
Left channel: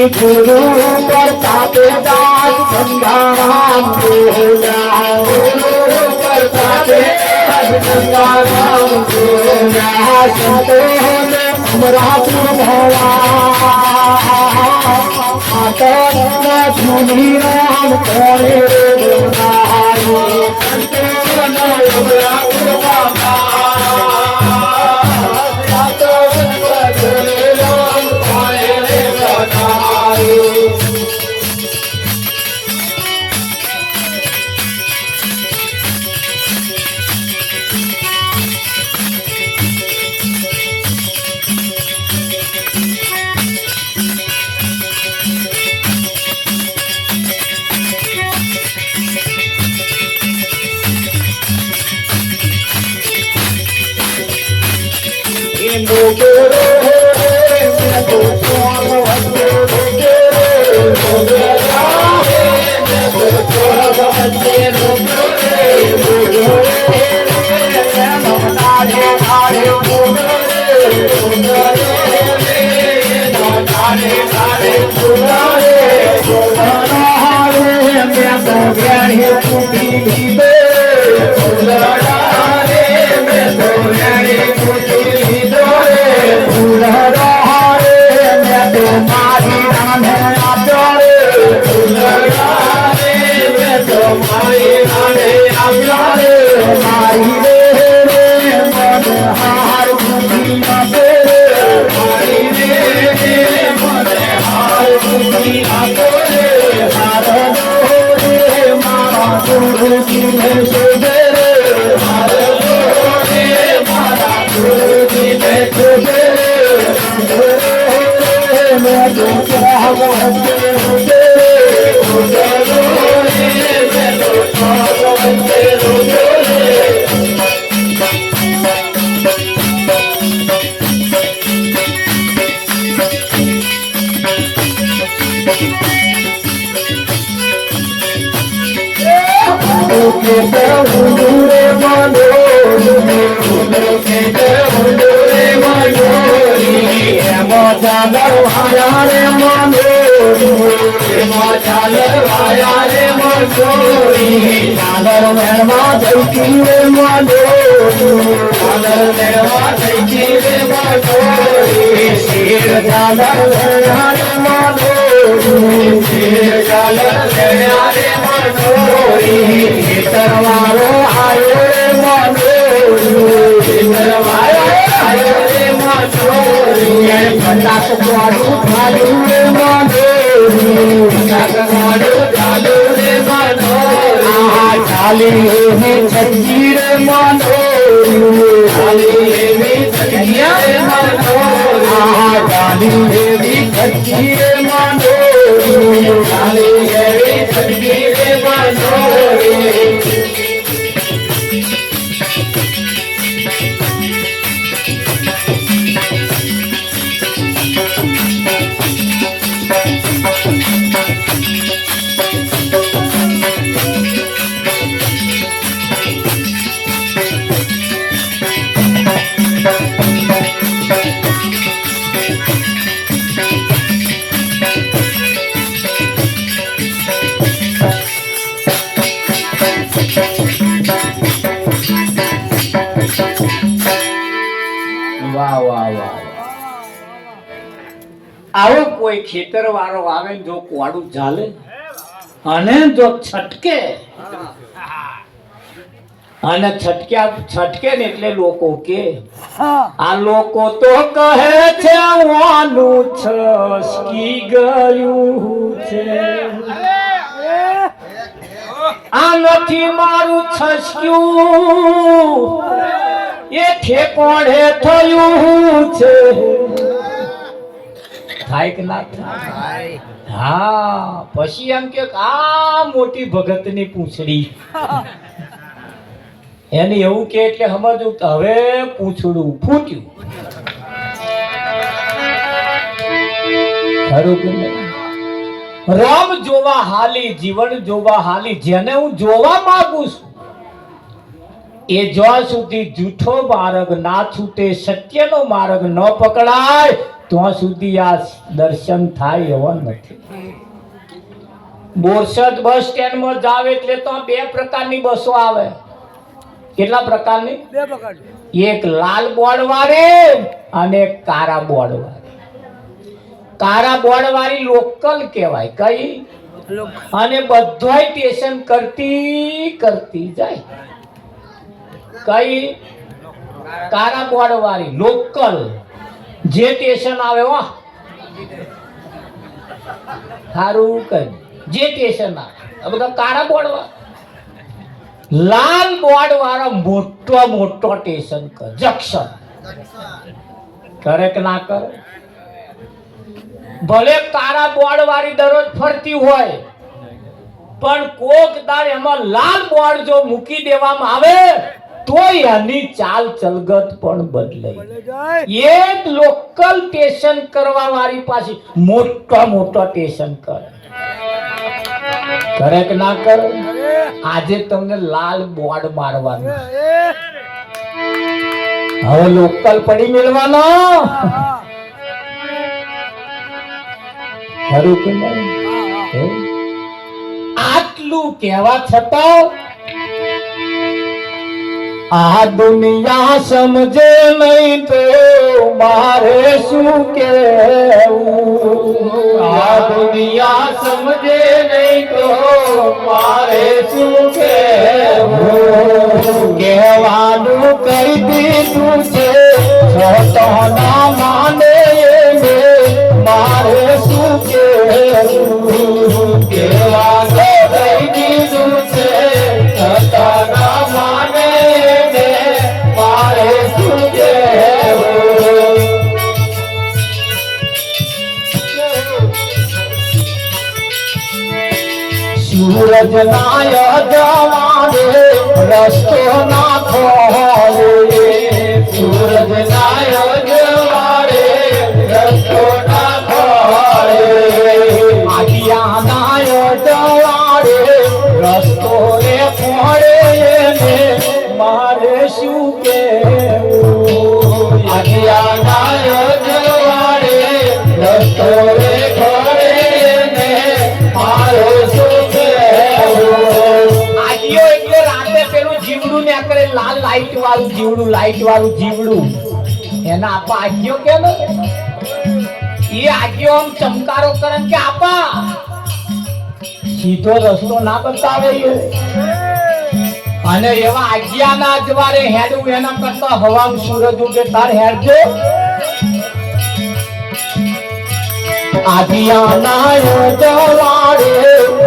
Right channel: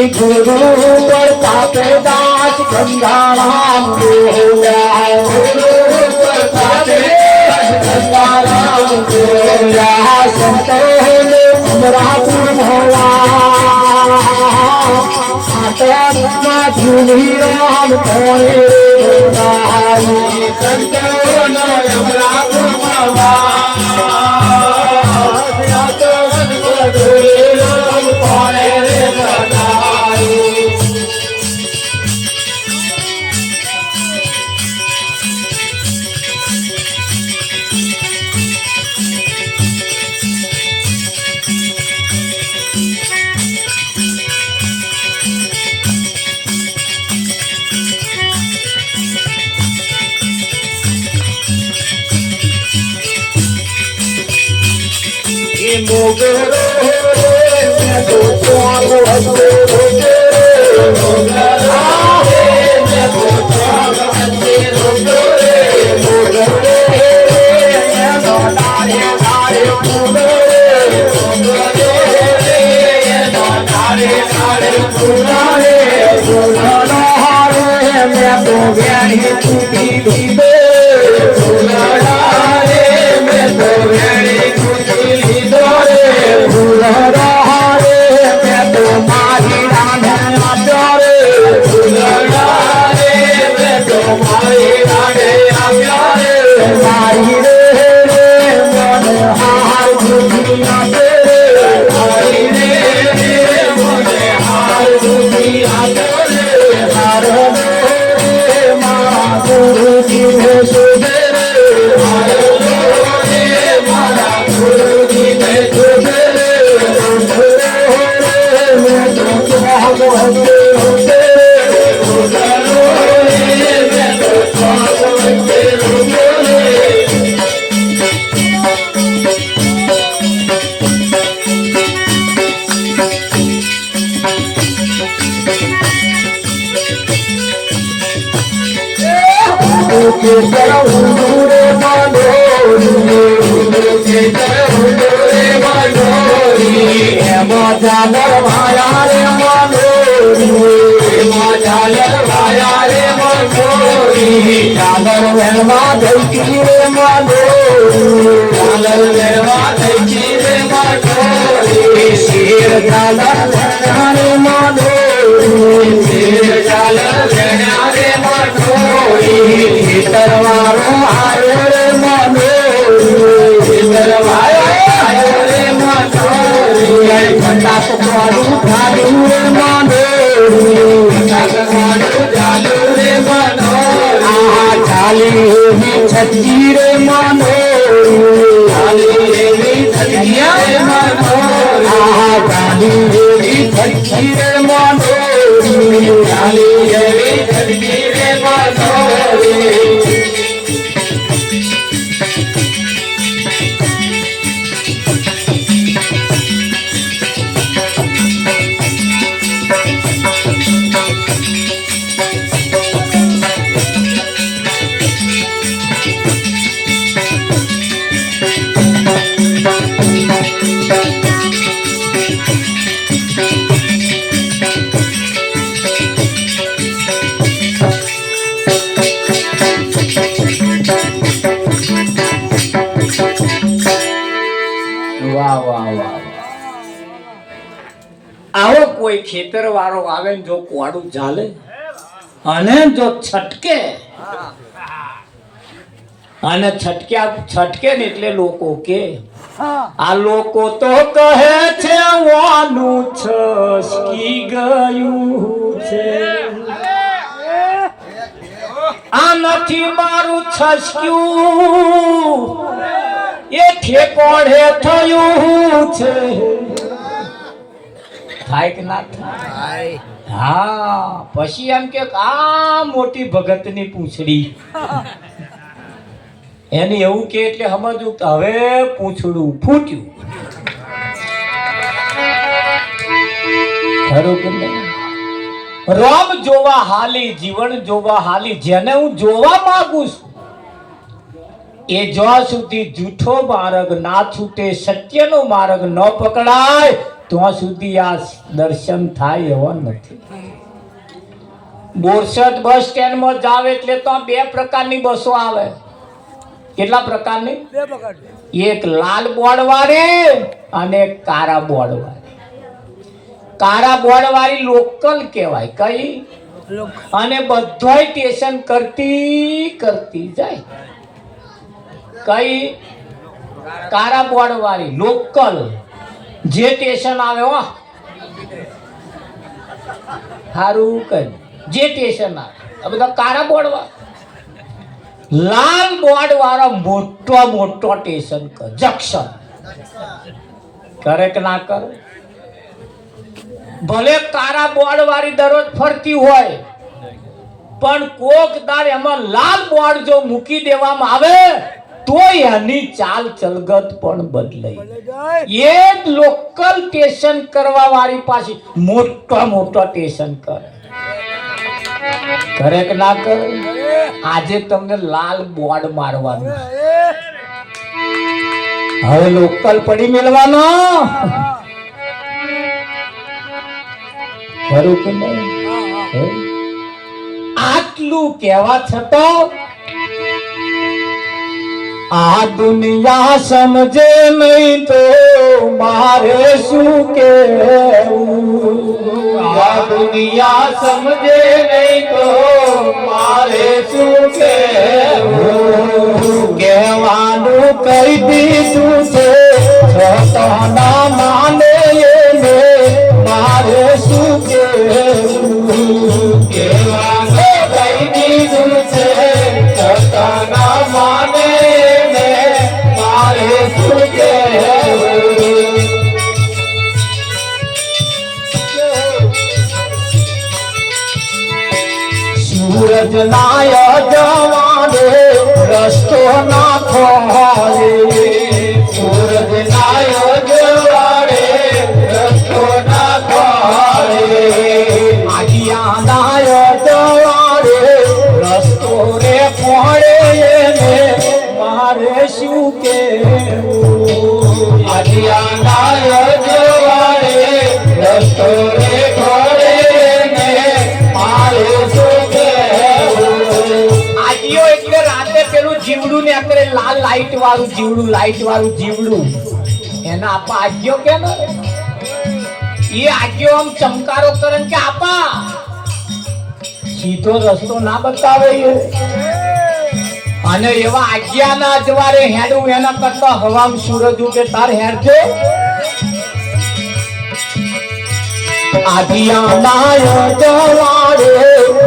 ગુરુ પ્રતાપ દાસ ગંગારામ બોલ્યા ગુરુ પ્રતાપ દાસ ગંગારામ બોલ્યા સંતોને અમરાત ભળા જૂની રામ કોણે બોલાવી સંતોને અમરાત આવો કોઈ ખેતર વાળો આવે જો કોડું ઝાલે અને જો છટકે અને છટકે ને એટલે લોકો કે આ લોકો તો કહે છે વાનું છસકી ગયું છે આ નથી મારું છસક્યું એ ઠેકોડે થયું છે થાય કે ના થાય હા પછી એમ કે આ મોટી ભગતની પૂંછડી એને એવું કે એટલે સમજવું કે હવે પૂંછડું ફૂટ્યું ખરું કે નહીં રામ જોવા હાલી જીવન જોવા હાલી જેને હું જોવા માંગુ છું એ જ્યાં સુધી જૂઠો માર્ગ ના છૂટે સત્યનો માર્ગ ન પકડાય ત્યાં સુધી આ દર્શન થાય એવા નથી. બોરસદ બસ સ્ટેન્ડમાં જાવ એટલે તો બે પ્રકારની બસો આવે. કેટલા પ્રકારની? બે પ્રકારની. એક લાલ બોર્ડ વાળી અને એક કાળા બોર્ડ વાળી. કાળા બોર્ડ વાળી લોકલ કહેવાય. કઈ? અને બધાય સ્ટેશન કરતી જાય. કઈ? કાળા બોર્ડ વાળી લોકલ જે સ્ટેશન આવે હો સારું કઈ જે સ્ટેશન આવે આ બધા કાળા બોર્ડ વાળા. લાલ બોર્ડ વાળા મોટો સ્ટેશન જંક્શન કરે કે ના કરે? ભલે કાળા બોર્ડ વાળી દરરોજ ફરતી હોય પણ કોક દાડ એમાં લાલ બોર્ડ જો મૂકી દેવામાં આવે તો એની ચાલ ચલગત પણ બદલાય. એ જ લોકલ સ્ટેશન કરવા વાળી પાસે મોટો સ્ટેશન કરે કે ના કરે? આજે તમને લાલ બોર્ડ મારવાનું, હવે લોકલ પડી મેળવાનો. ખરું કે નહીં? આટલું કહેવા છતાં આ દુનિયા સમજે નહીં તો મારે શું કહેવું? આ દુનિયા સમજે નહીં તો મારે શું કહેવું? કહેવાનું કહી દીધું છે છતાં ના માને એને મારે શું કહેવું? કહેવાનું કહી દીધું છે છતાં ના માને સૂરજ નાય જવાને રસ્તો ના ખોલે. સૂરજ નાય જવાને રસ્તો ના ખોલે. આગિયા નાય જવાને રસ્તો રે ખોળે ને મારે શું કેવું? આગિયા નાય જવાને રસ્તો રે ખોળે ને મારે શું જીવડું ને કરે લાલ લાઈટ વાળું જીવડું એના આપા આગ્યો કેમ? એ આગ્યો આમ ચમકારો કરે કે આપા સીધો રસ્તો ના બતાવે. અને એવા આજ્ઞા ના જવારે હેડું એના કરતા હવામ સૂરજ ઉગે તાર હેડજો. આજ્ઞા ના જવારે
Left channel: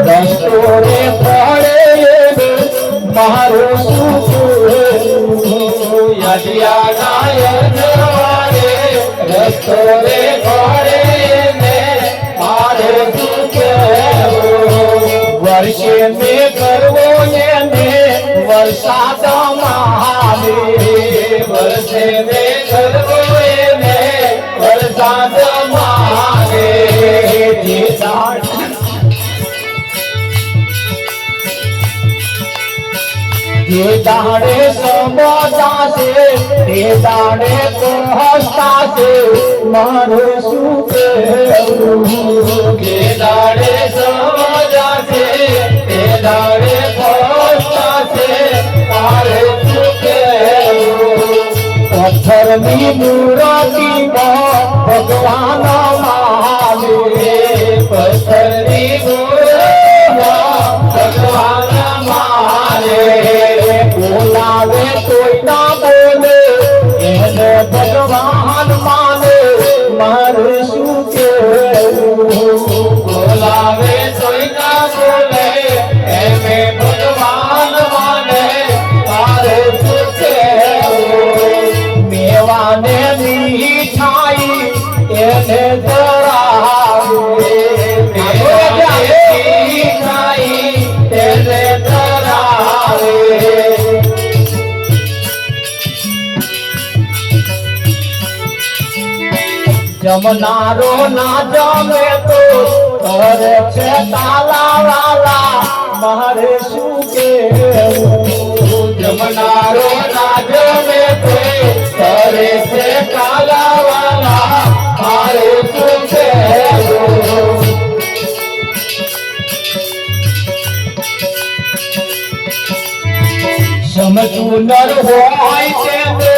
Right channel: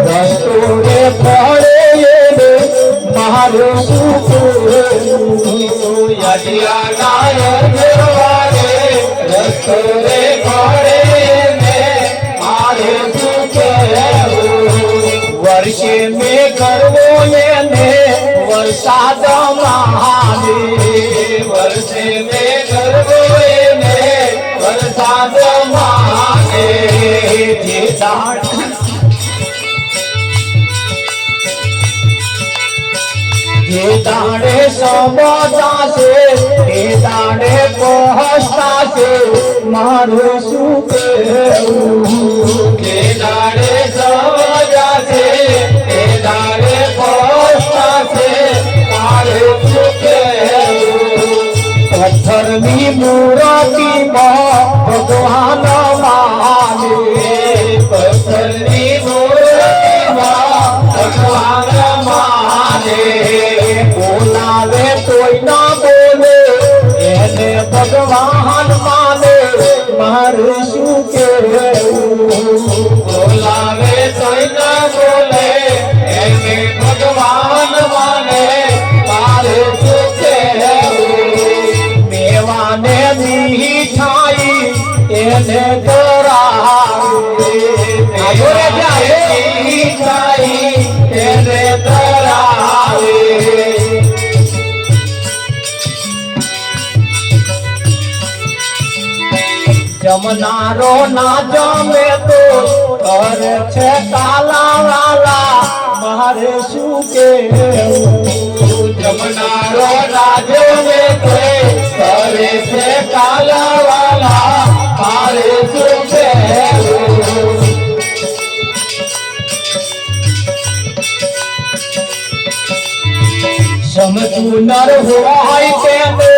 રસ્તો રે પડે મારું શું કહેવું? આજ્ઞા ના જવારે રસ્તો રે પડે ને મારે શું કહેવું? વર્ષે મેં કરવો એને વરસાદ મહાલે. વર્ષે મેં કરવો એને વરસાદ મહાલે. જે દાડે સમજતા છે એ દાડે પહોંચતા છે મારું શું કહેવું? જે દાડે સમજતા છે એ દાડે પહોંચતા છે મારું શું કહેવું? પથ્થરની મૂર્તિમાં ભગવાન માને. પથ્થરની મૂર્તિમાં ભગવાન માને. બોલાવે તોય ના બોલે એને ભગવાન માને મારું શું કહેવું? બોલાવે તોય ના બોલે એને ભગવાન માને મારું શું કહેવું? મેવાને મીઠાઈ એને દરાવે. મીઠાઈ એને દરાવે. જમનારો ના જમે તો કરે છે તાલા વાલા મારે શું કહેવું? જમનારો ના જમે તો કરે છે તાલા વાલા મારે સમજવું નર હોય તેને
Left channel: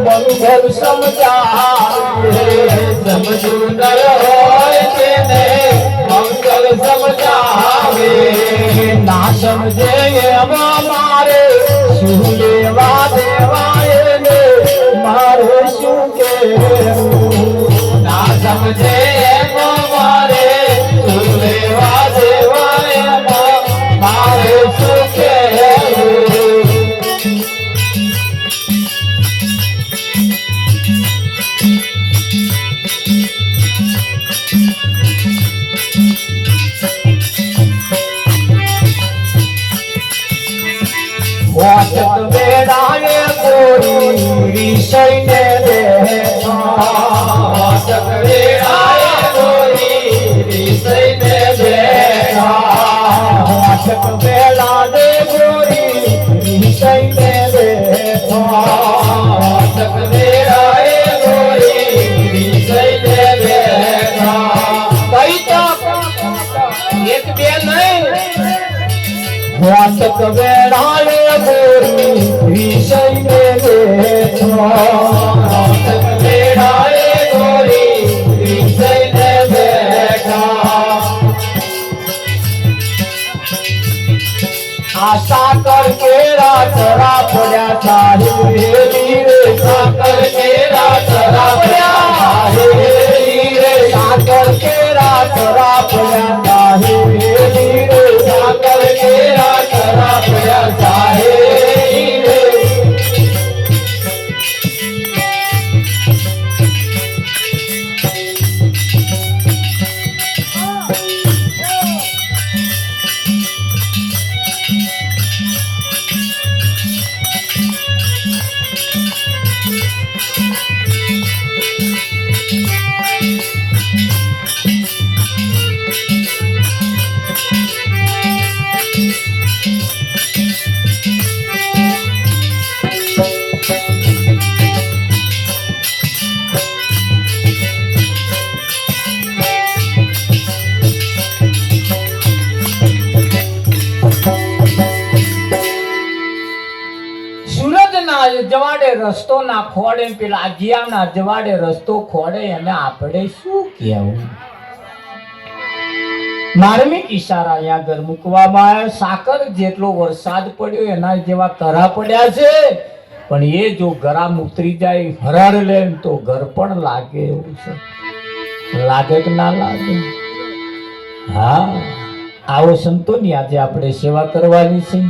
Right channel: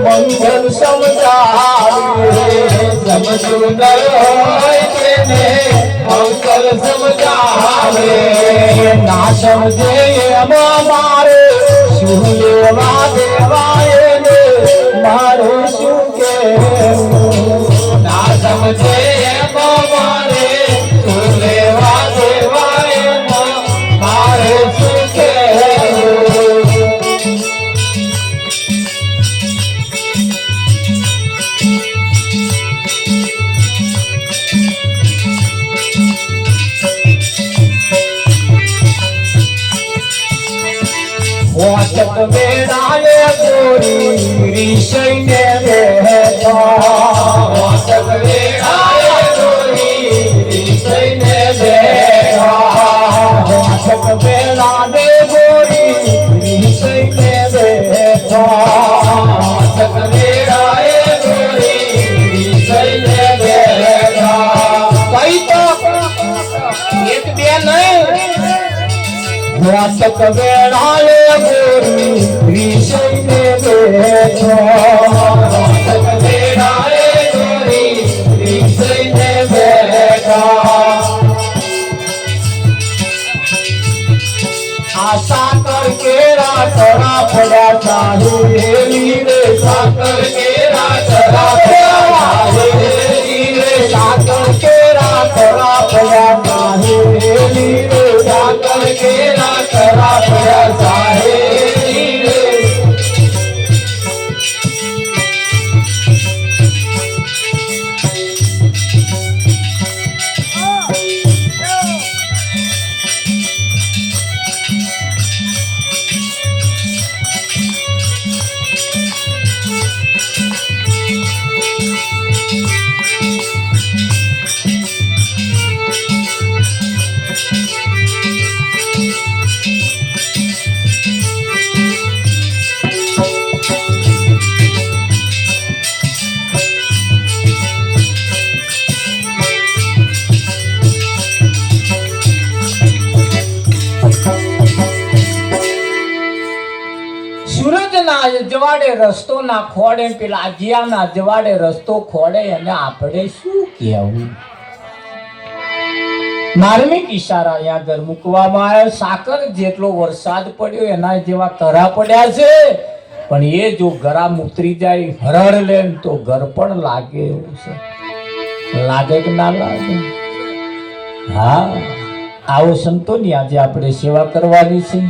મંગલ સમજાવે સમજવું નર હોય તેને મંગલ સમજાવે ના સમજે એમાં મારે શું લેવા દેવાય ને મારે શું કહેવું ના સમજે એમાં મારે શું લેવા દેવાય એમાં મારે શું કહેવું વાચક વેળાએ ગોરી વિષયને રહેતા વાચક વેળાએ ગોરી વિષયને રહેતા વાચક વેળાએ ગોરી વિષયને રહેતા વાચક વેળાએ ગોરી વિષયને રહેતા કઈ તો એક બે નહીં વાચક વેળાએ વિષયને બેઠા વેળાએ ગોરી વિષયને બેઠા આશા કર કેરા તરા પડ્યા ચાહેલી રે સાકર કેરા તરા પડ્યા ચાહેલી રે સાકર કેરા તરા પડ્યા ચાહેલી રે સાકર કેરા તરા પડ્યા ચાહેલી રે જવાડે રસ્તો ના ખોડે પેલા અજિયાના જવાડે રસ્તો ખોડે અને આપણે શું કહેવું માર્મિક ઈશારા અહીંયા આગળ મૂકવામાં આવ્યો સાકર જેટલો વરસાદ પડ્યો એના જેવા કરા પડ્યા છે પણ એ જો ગરામ ઉતરી જાય હરડ લે તો ઘર પણ લાગે એવું છે લાગે કે ના લાગે હા આવો સંતોની આજે આપણે સેવા કરવાની છે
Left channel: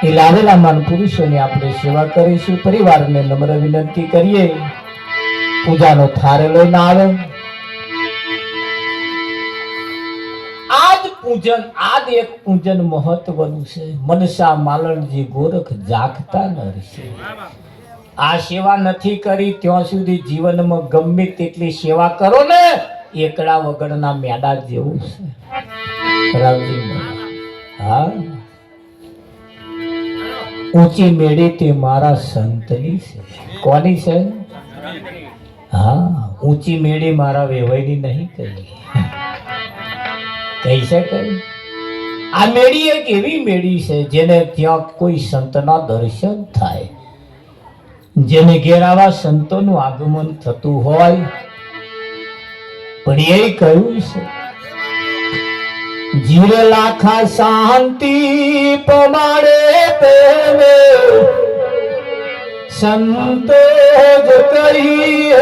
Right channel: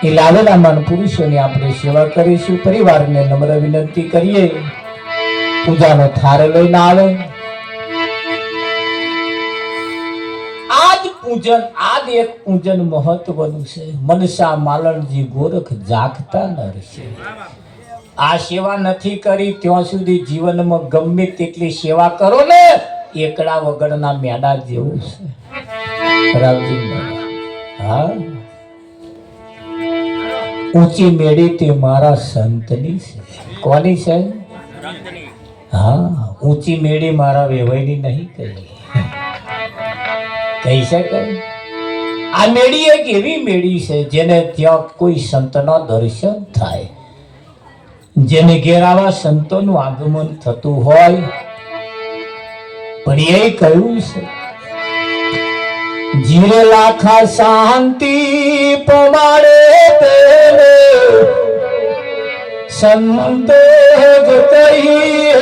એ લાવેલા માન પુરુષોની આપણે સેવા કરીશું પરિવારને નમ્ર વિનંતી કરીએ પૂજાનો થાળ લઈને આવે આજ પૂજન આજ એક પૂજન મહત્વનું છે મનસા માલણજી ગોરખ જાગતા ન રહેશે આ સેવા નથી કરી ત્યાં સુધી જીવનમાં ગમે તેટલી સેવા કરો ને એકડા વગરના મેડા જેવું છે રાવજી હા ઊંચી મેળી તે મારા સંતની છે કોની છે હા ઊંચી મેળી મારા વેવાઈની નહીં કહી શકે આ મેળી એક એવી મેળી છે જેને ત્યાં કોઈ સંતના દર્શન થાય જેને ઘેરાવા સંતોનું આગમન થતું હોય પણ એ કહ્યું છે જીરે લાખા શાંતિ પ્રમાણે संत कहिए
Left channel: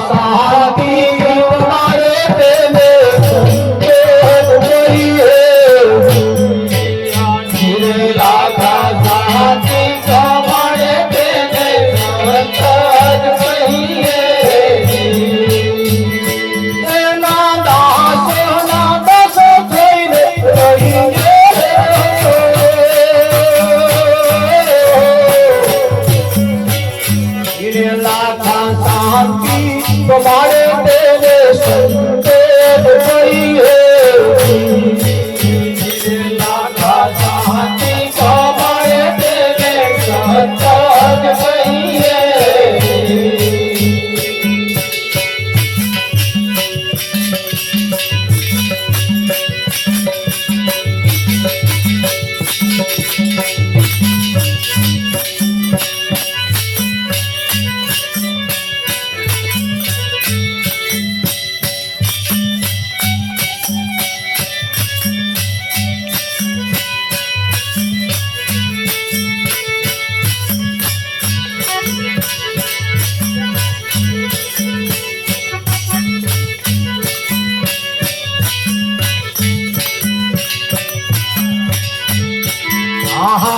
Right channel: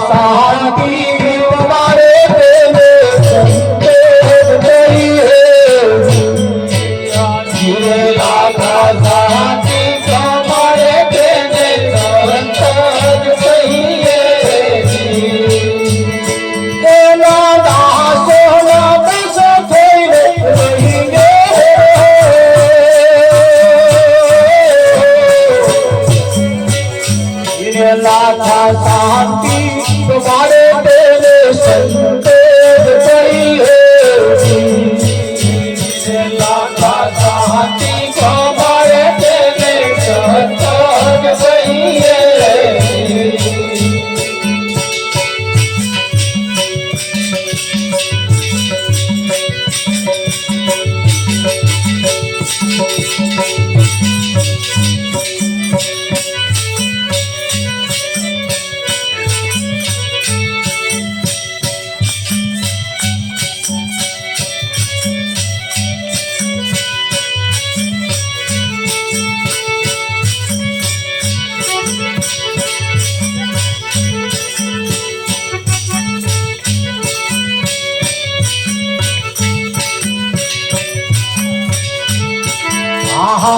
शांति तुम्हारे संत कहिए शांति तुम्हारे शांति तुम्हारे तेरे संत कहिए शांति तुम्हारे तेरे संत कहिए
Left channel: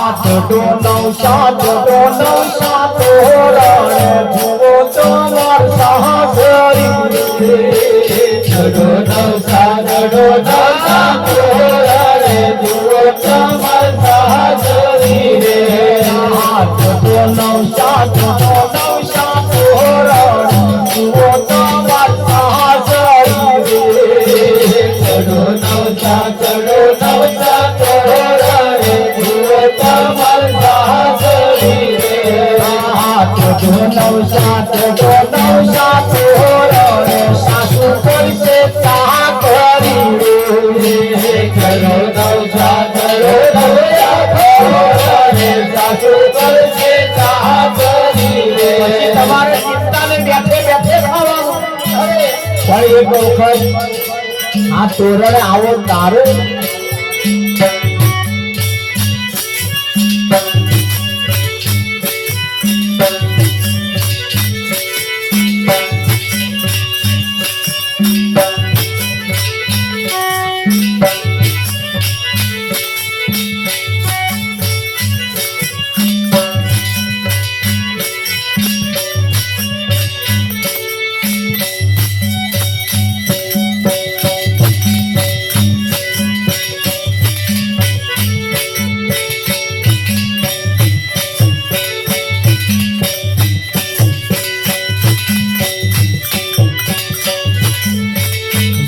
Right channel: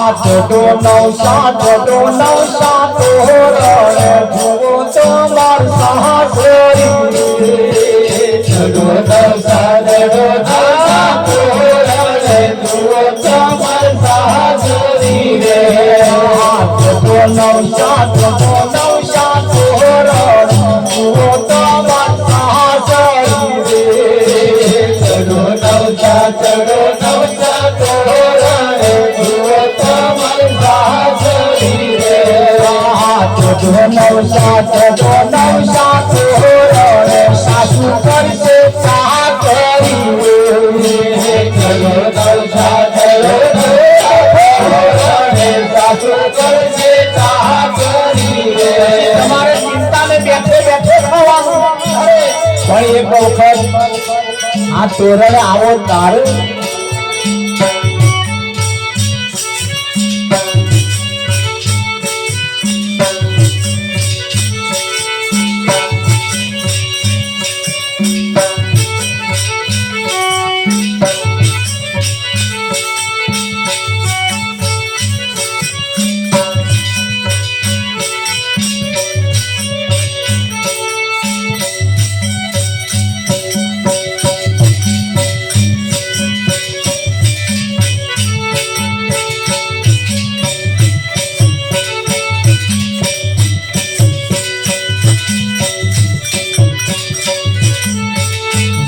છોટો નવસા છોટો નવસા તોરે જુઓ તમાર સાસરી છોટો નવસા તોરે જુઓ તમાર સાસરી રે છોટો નવસા તોરે જુઓ તમાર સાસરી રે છોટો નવસા તોરે સાસુ કરશે ચાકરી તમારે ચિંતાને બેઠે બેઠે ખાવાનું પણ એક વખત આ તોરણ આવો તારો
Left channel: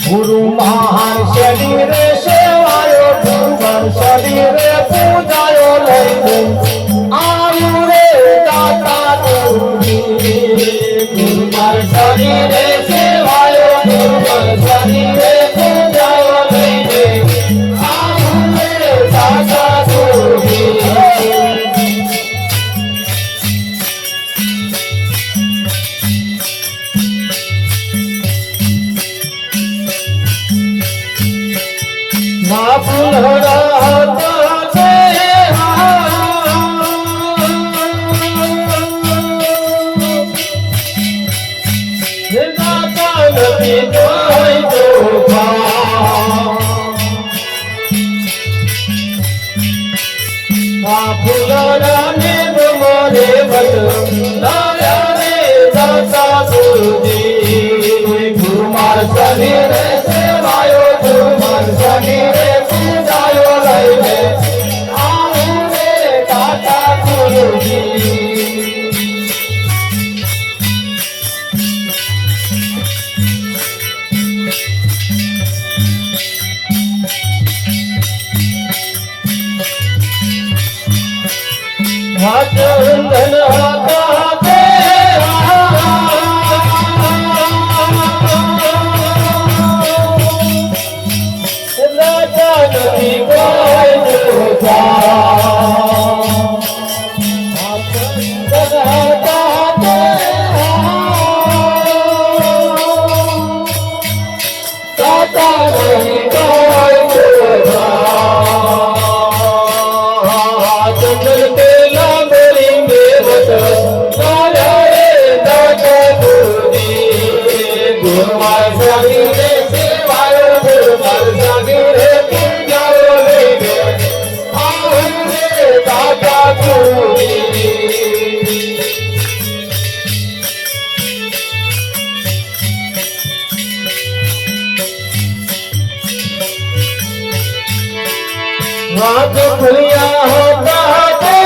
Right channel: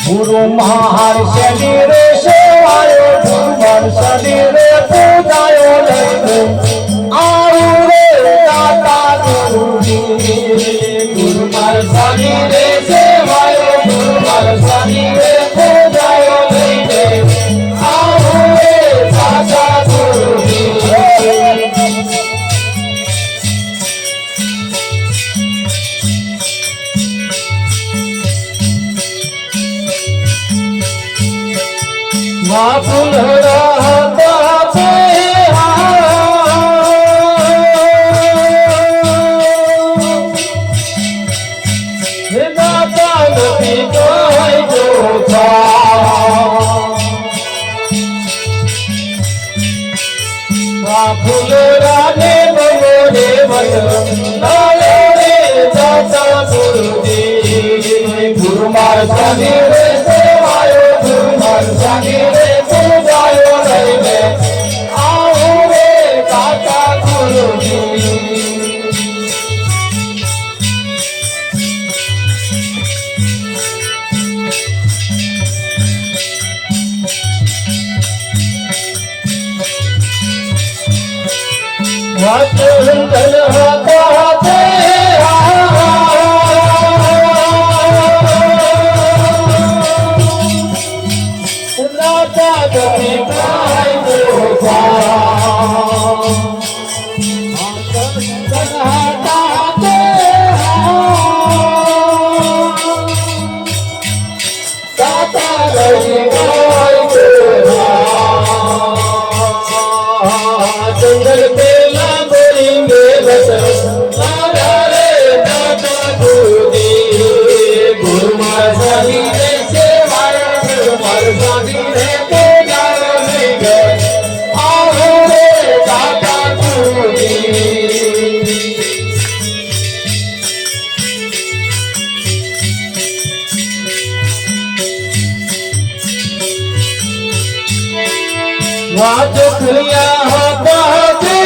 ગુરુ મહાન શરીરે સેવાયો ભગવાન શરીરે પૂજાયો લઈને આયુ રે દાતા ગુરુ મહાન શરીરે સેવાયો ભગવાન શરીરે પૂજાયો લઈને આયુ રે દાતા ગુરુ વાત ખુલ્યા બાતે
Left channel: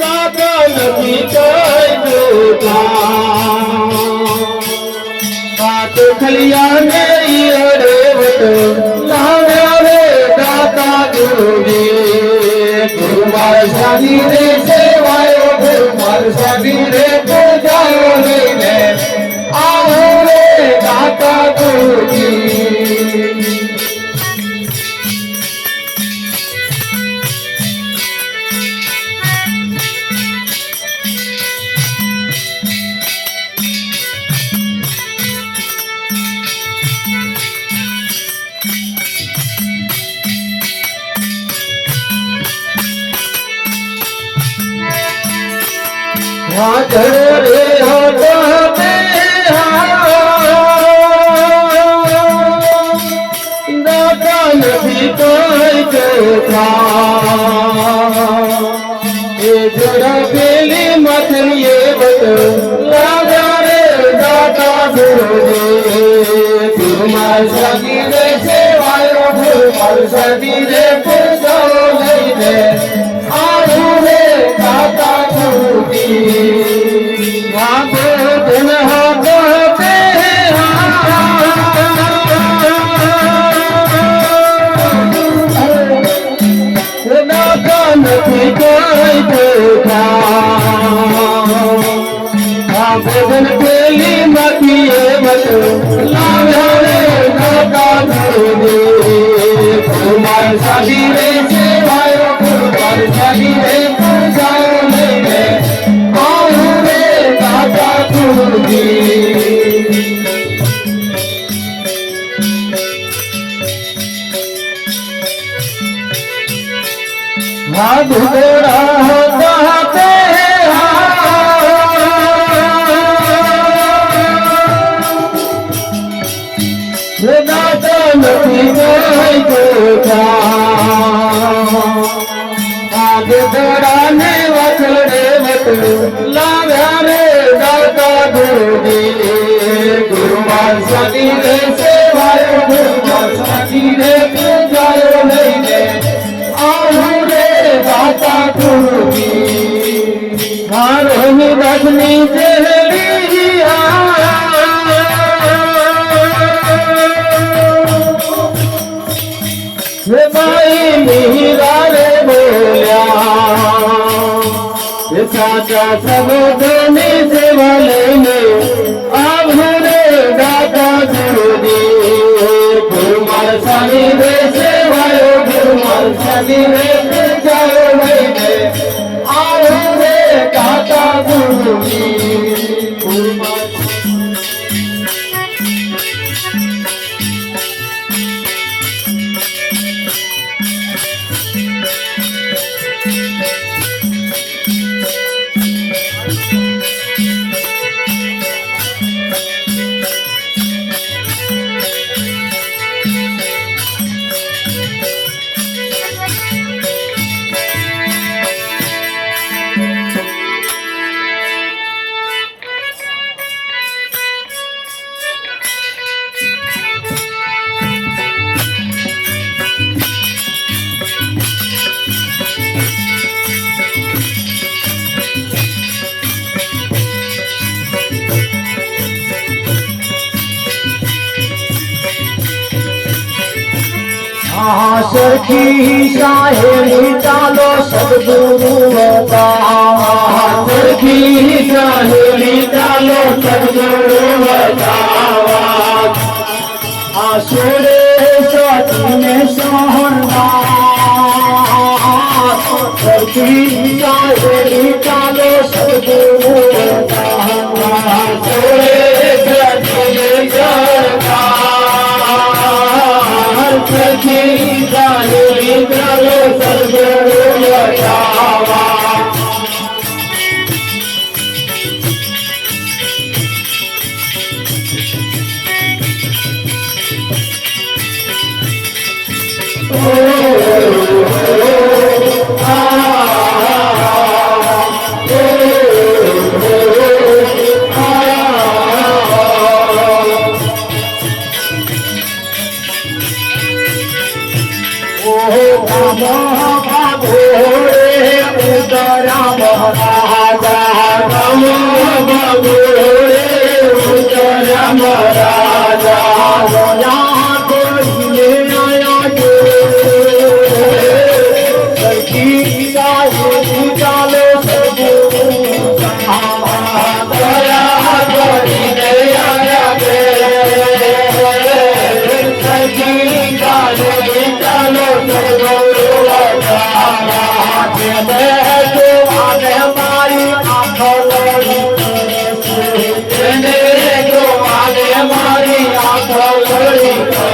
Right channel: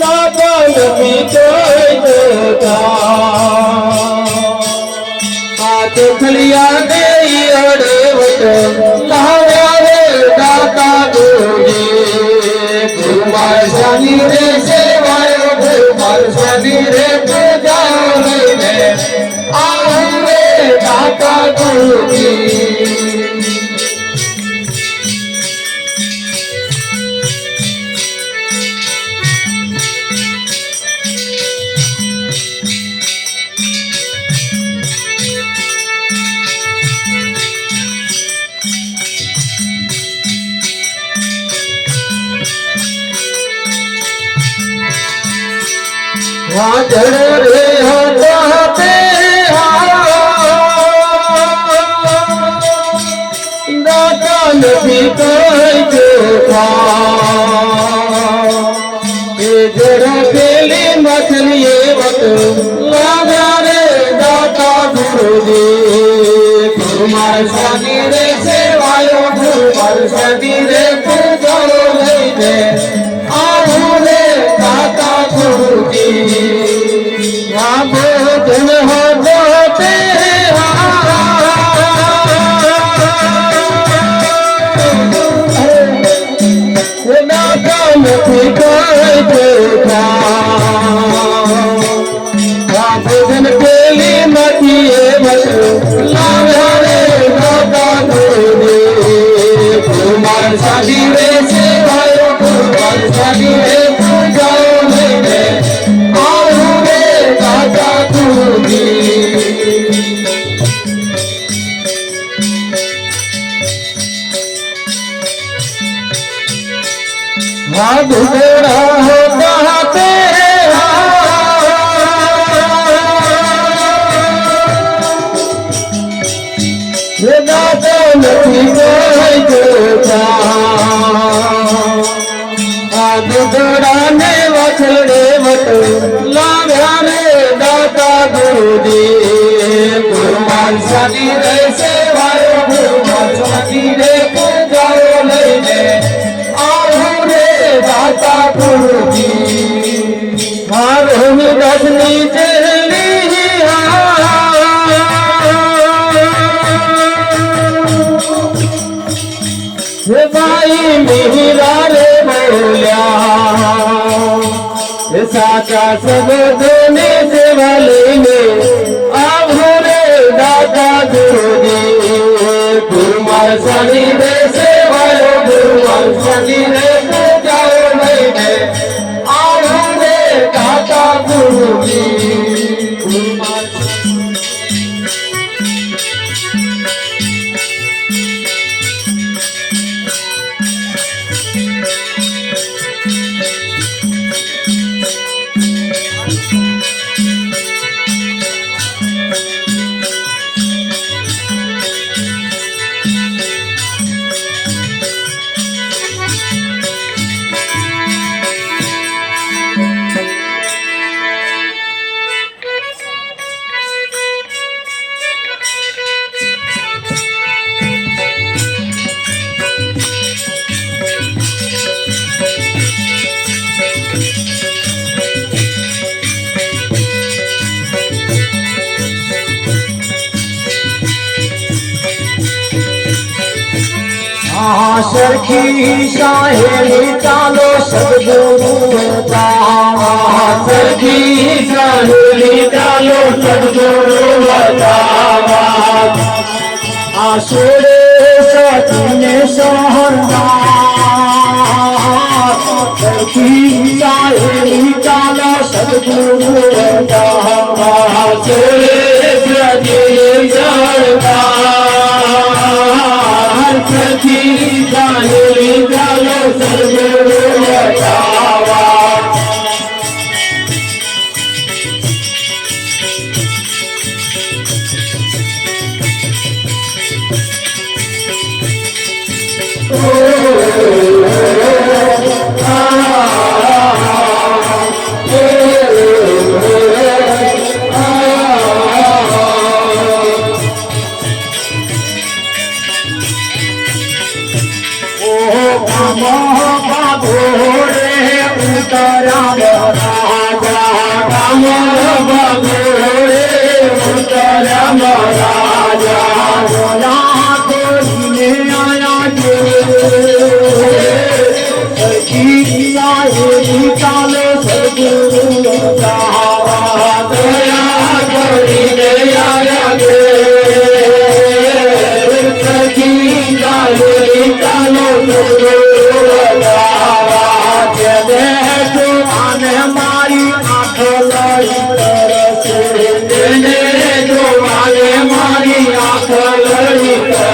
દાદા નથી વાત ખુલ્યા નહીં અડે વટે લાવ્યા રે દાદા ગોરી ગુરુમાર સાની રે સેવાયો ગુરુમાર સાની રે પૂજા લઈને આવો રે દાદા ગોરી દાદા મારી રે સેવાયો મારી રે પૂજાઓ લઈને આવું રે દાતા ગુરુજી આપે ધન હો નથી કોઈ દેખા ભજન પેલી નથી એ લાવે દાદા ગુરુજી કુમાર સાધી રે સેવાયો કુમાર સાધી રે પૂજાઓ લઈને આવું રે દાદા ગુરુજી ભગોડા હોતા તેરા નથી કોઈ જોતા ભગોડા ને વખડે વટ લાવ્યા રે દાતા ગુરુજી ગુરુમાન સાધી રે સેવાયો ગુરુમાન સાધી રે પૂજાઓ લઈને દાતા ગુરુજી મારો રજની ચરણી હે ભાઈ મીરા રે બોલ્યા સાચા સબોધની સેવ લઈને આવું રે દાતા ગુરુજી ગુરુમાર સાની રે સેવાયો ગુરુમાર સાની રે દાતા ગુરુજી સરખી સાહેલી ચાલો સદગુરુ સરખી સાહેલી ચાલો સદગુરુ આસુરે સતીને સરખી સાહેલી ચાલો સદગુરુ આસુરે સતીને સખી જાહેલી ચાલો સદગુરુ બતાવા મારી આંખ લડી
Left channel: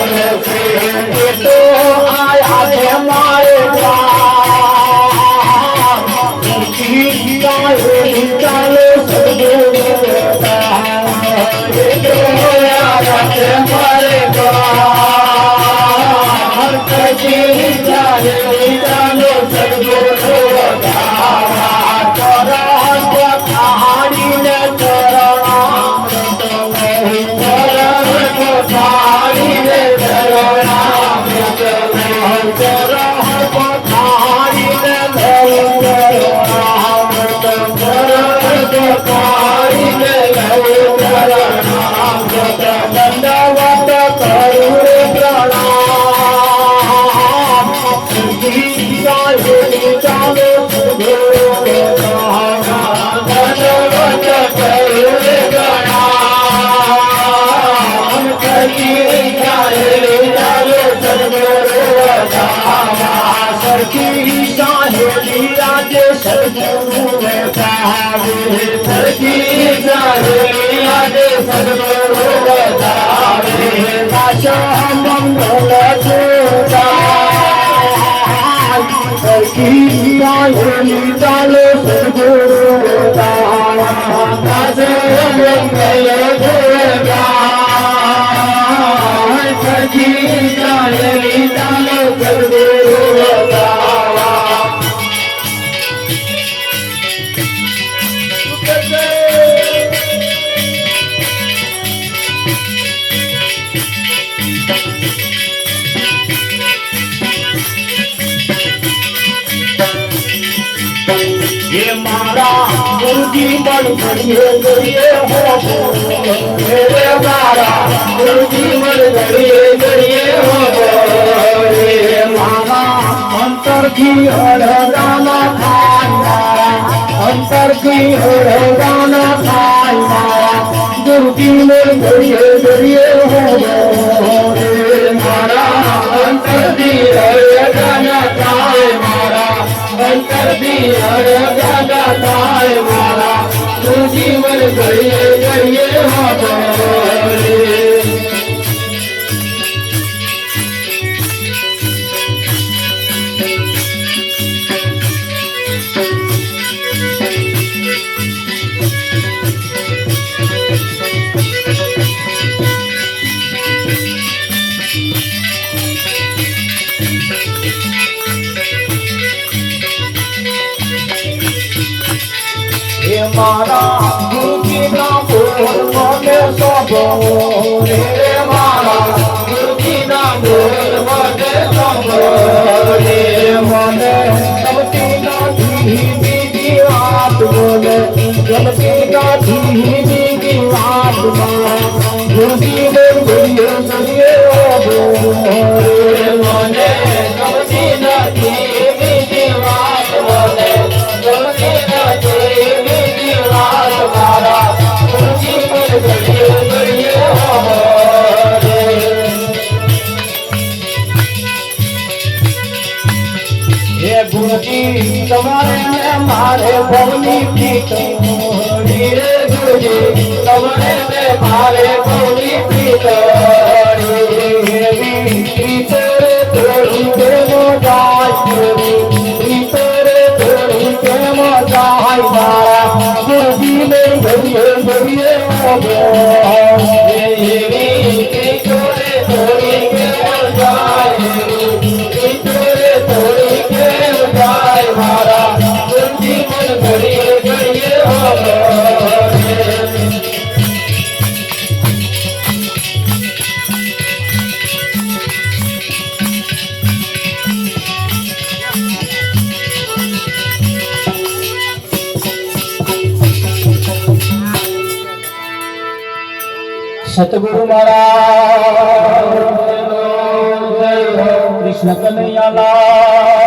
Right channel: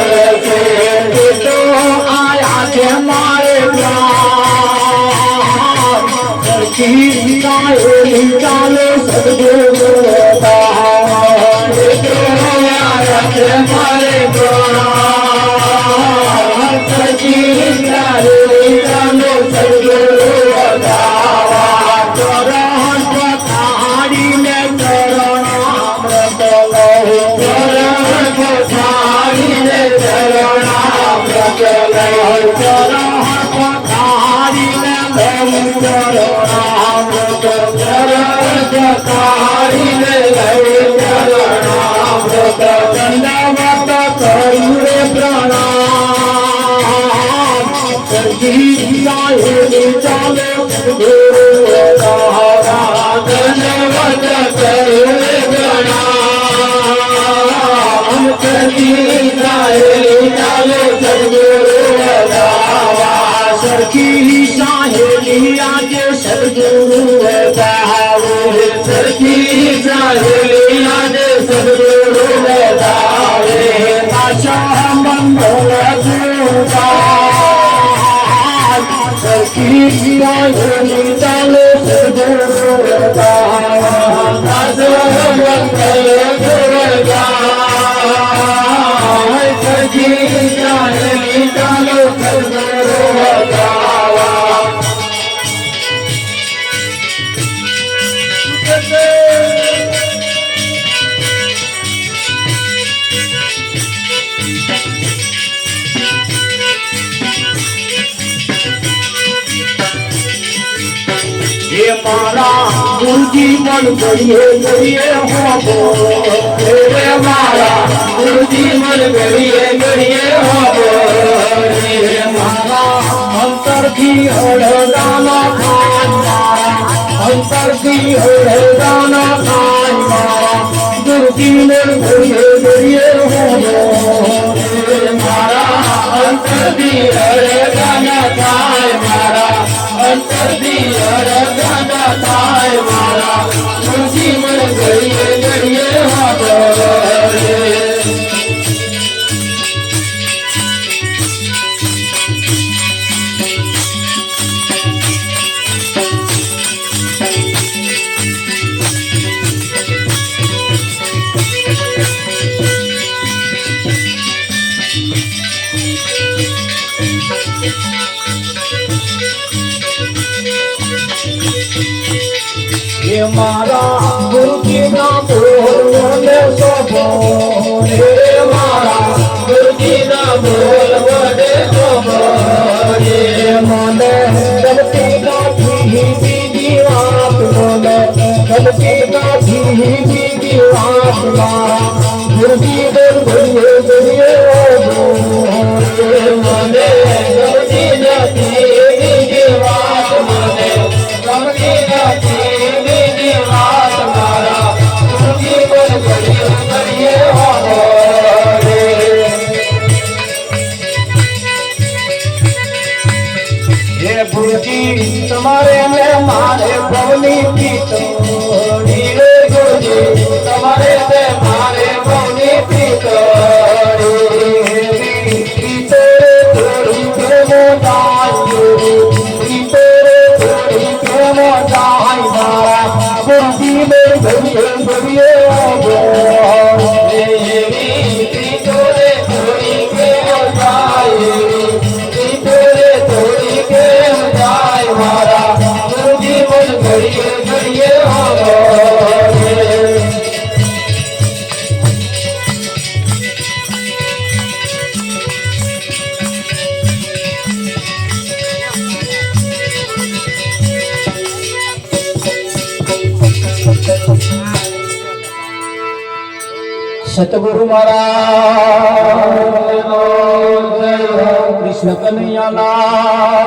ये मारा गुरुजी मन गरिए गरिए हो रे मारा गुरुजी मन गरिए गरिए हो रे मारा अंतर की अड़गाना मारा अंतर की अड़गाना मारा गुरुजी मन गरिए गरिए हो रे मारा अंतर की अड़गाना मारा अंतर दी अरगाना ताय मारा तुझी मन गरिए गरिए हारे ये मारा गुरुजी ना बोल सबो रे मारा गुरुजी ना बोल सबो रे मने सबती गाठी बीजी बात बोले सबती गाठी बीजी बात मारा गुरुजी बोल गरिए गरिए रे मने सबती गाठी बीजी बात बोले सबती गाठी गुरुजी तुम्हारे ने मारे भवनी प्रीत रे गुरुजी तुम्हारे से मारे भवनी प्रीत तेरे थोड़ी के तेरे थोड़ी के मारा गुरुजी में गरिए गरिए सतगुरु महाराज, कृष्ण कन्हैया लाल।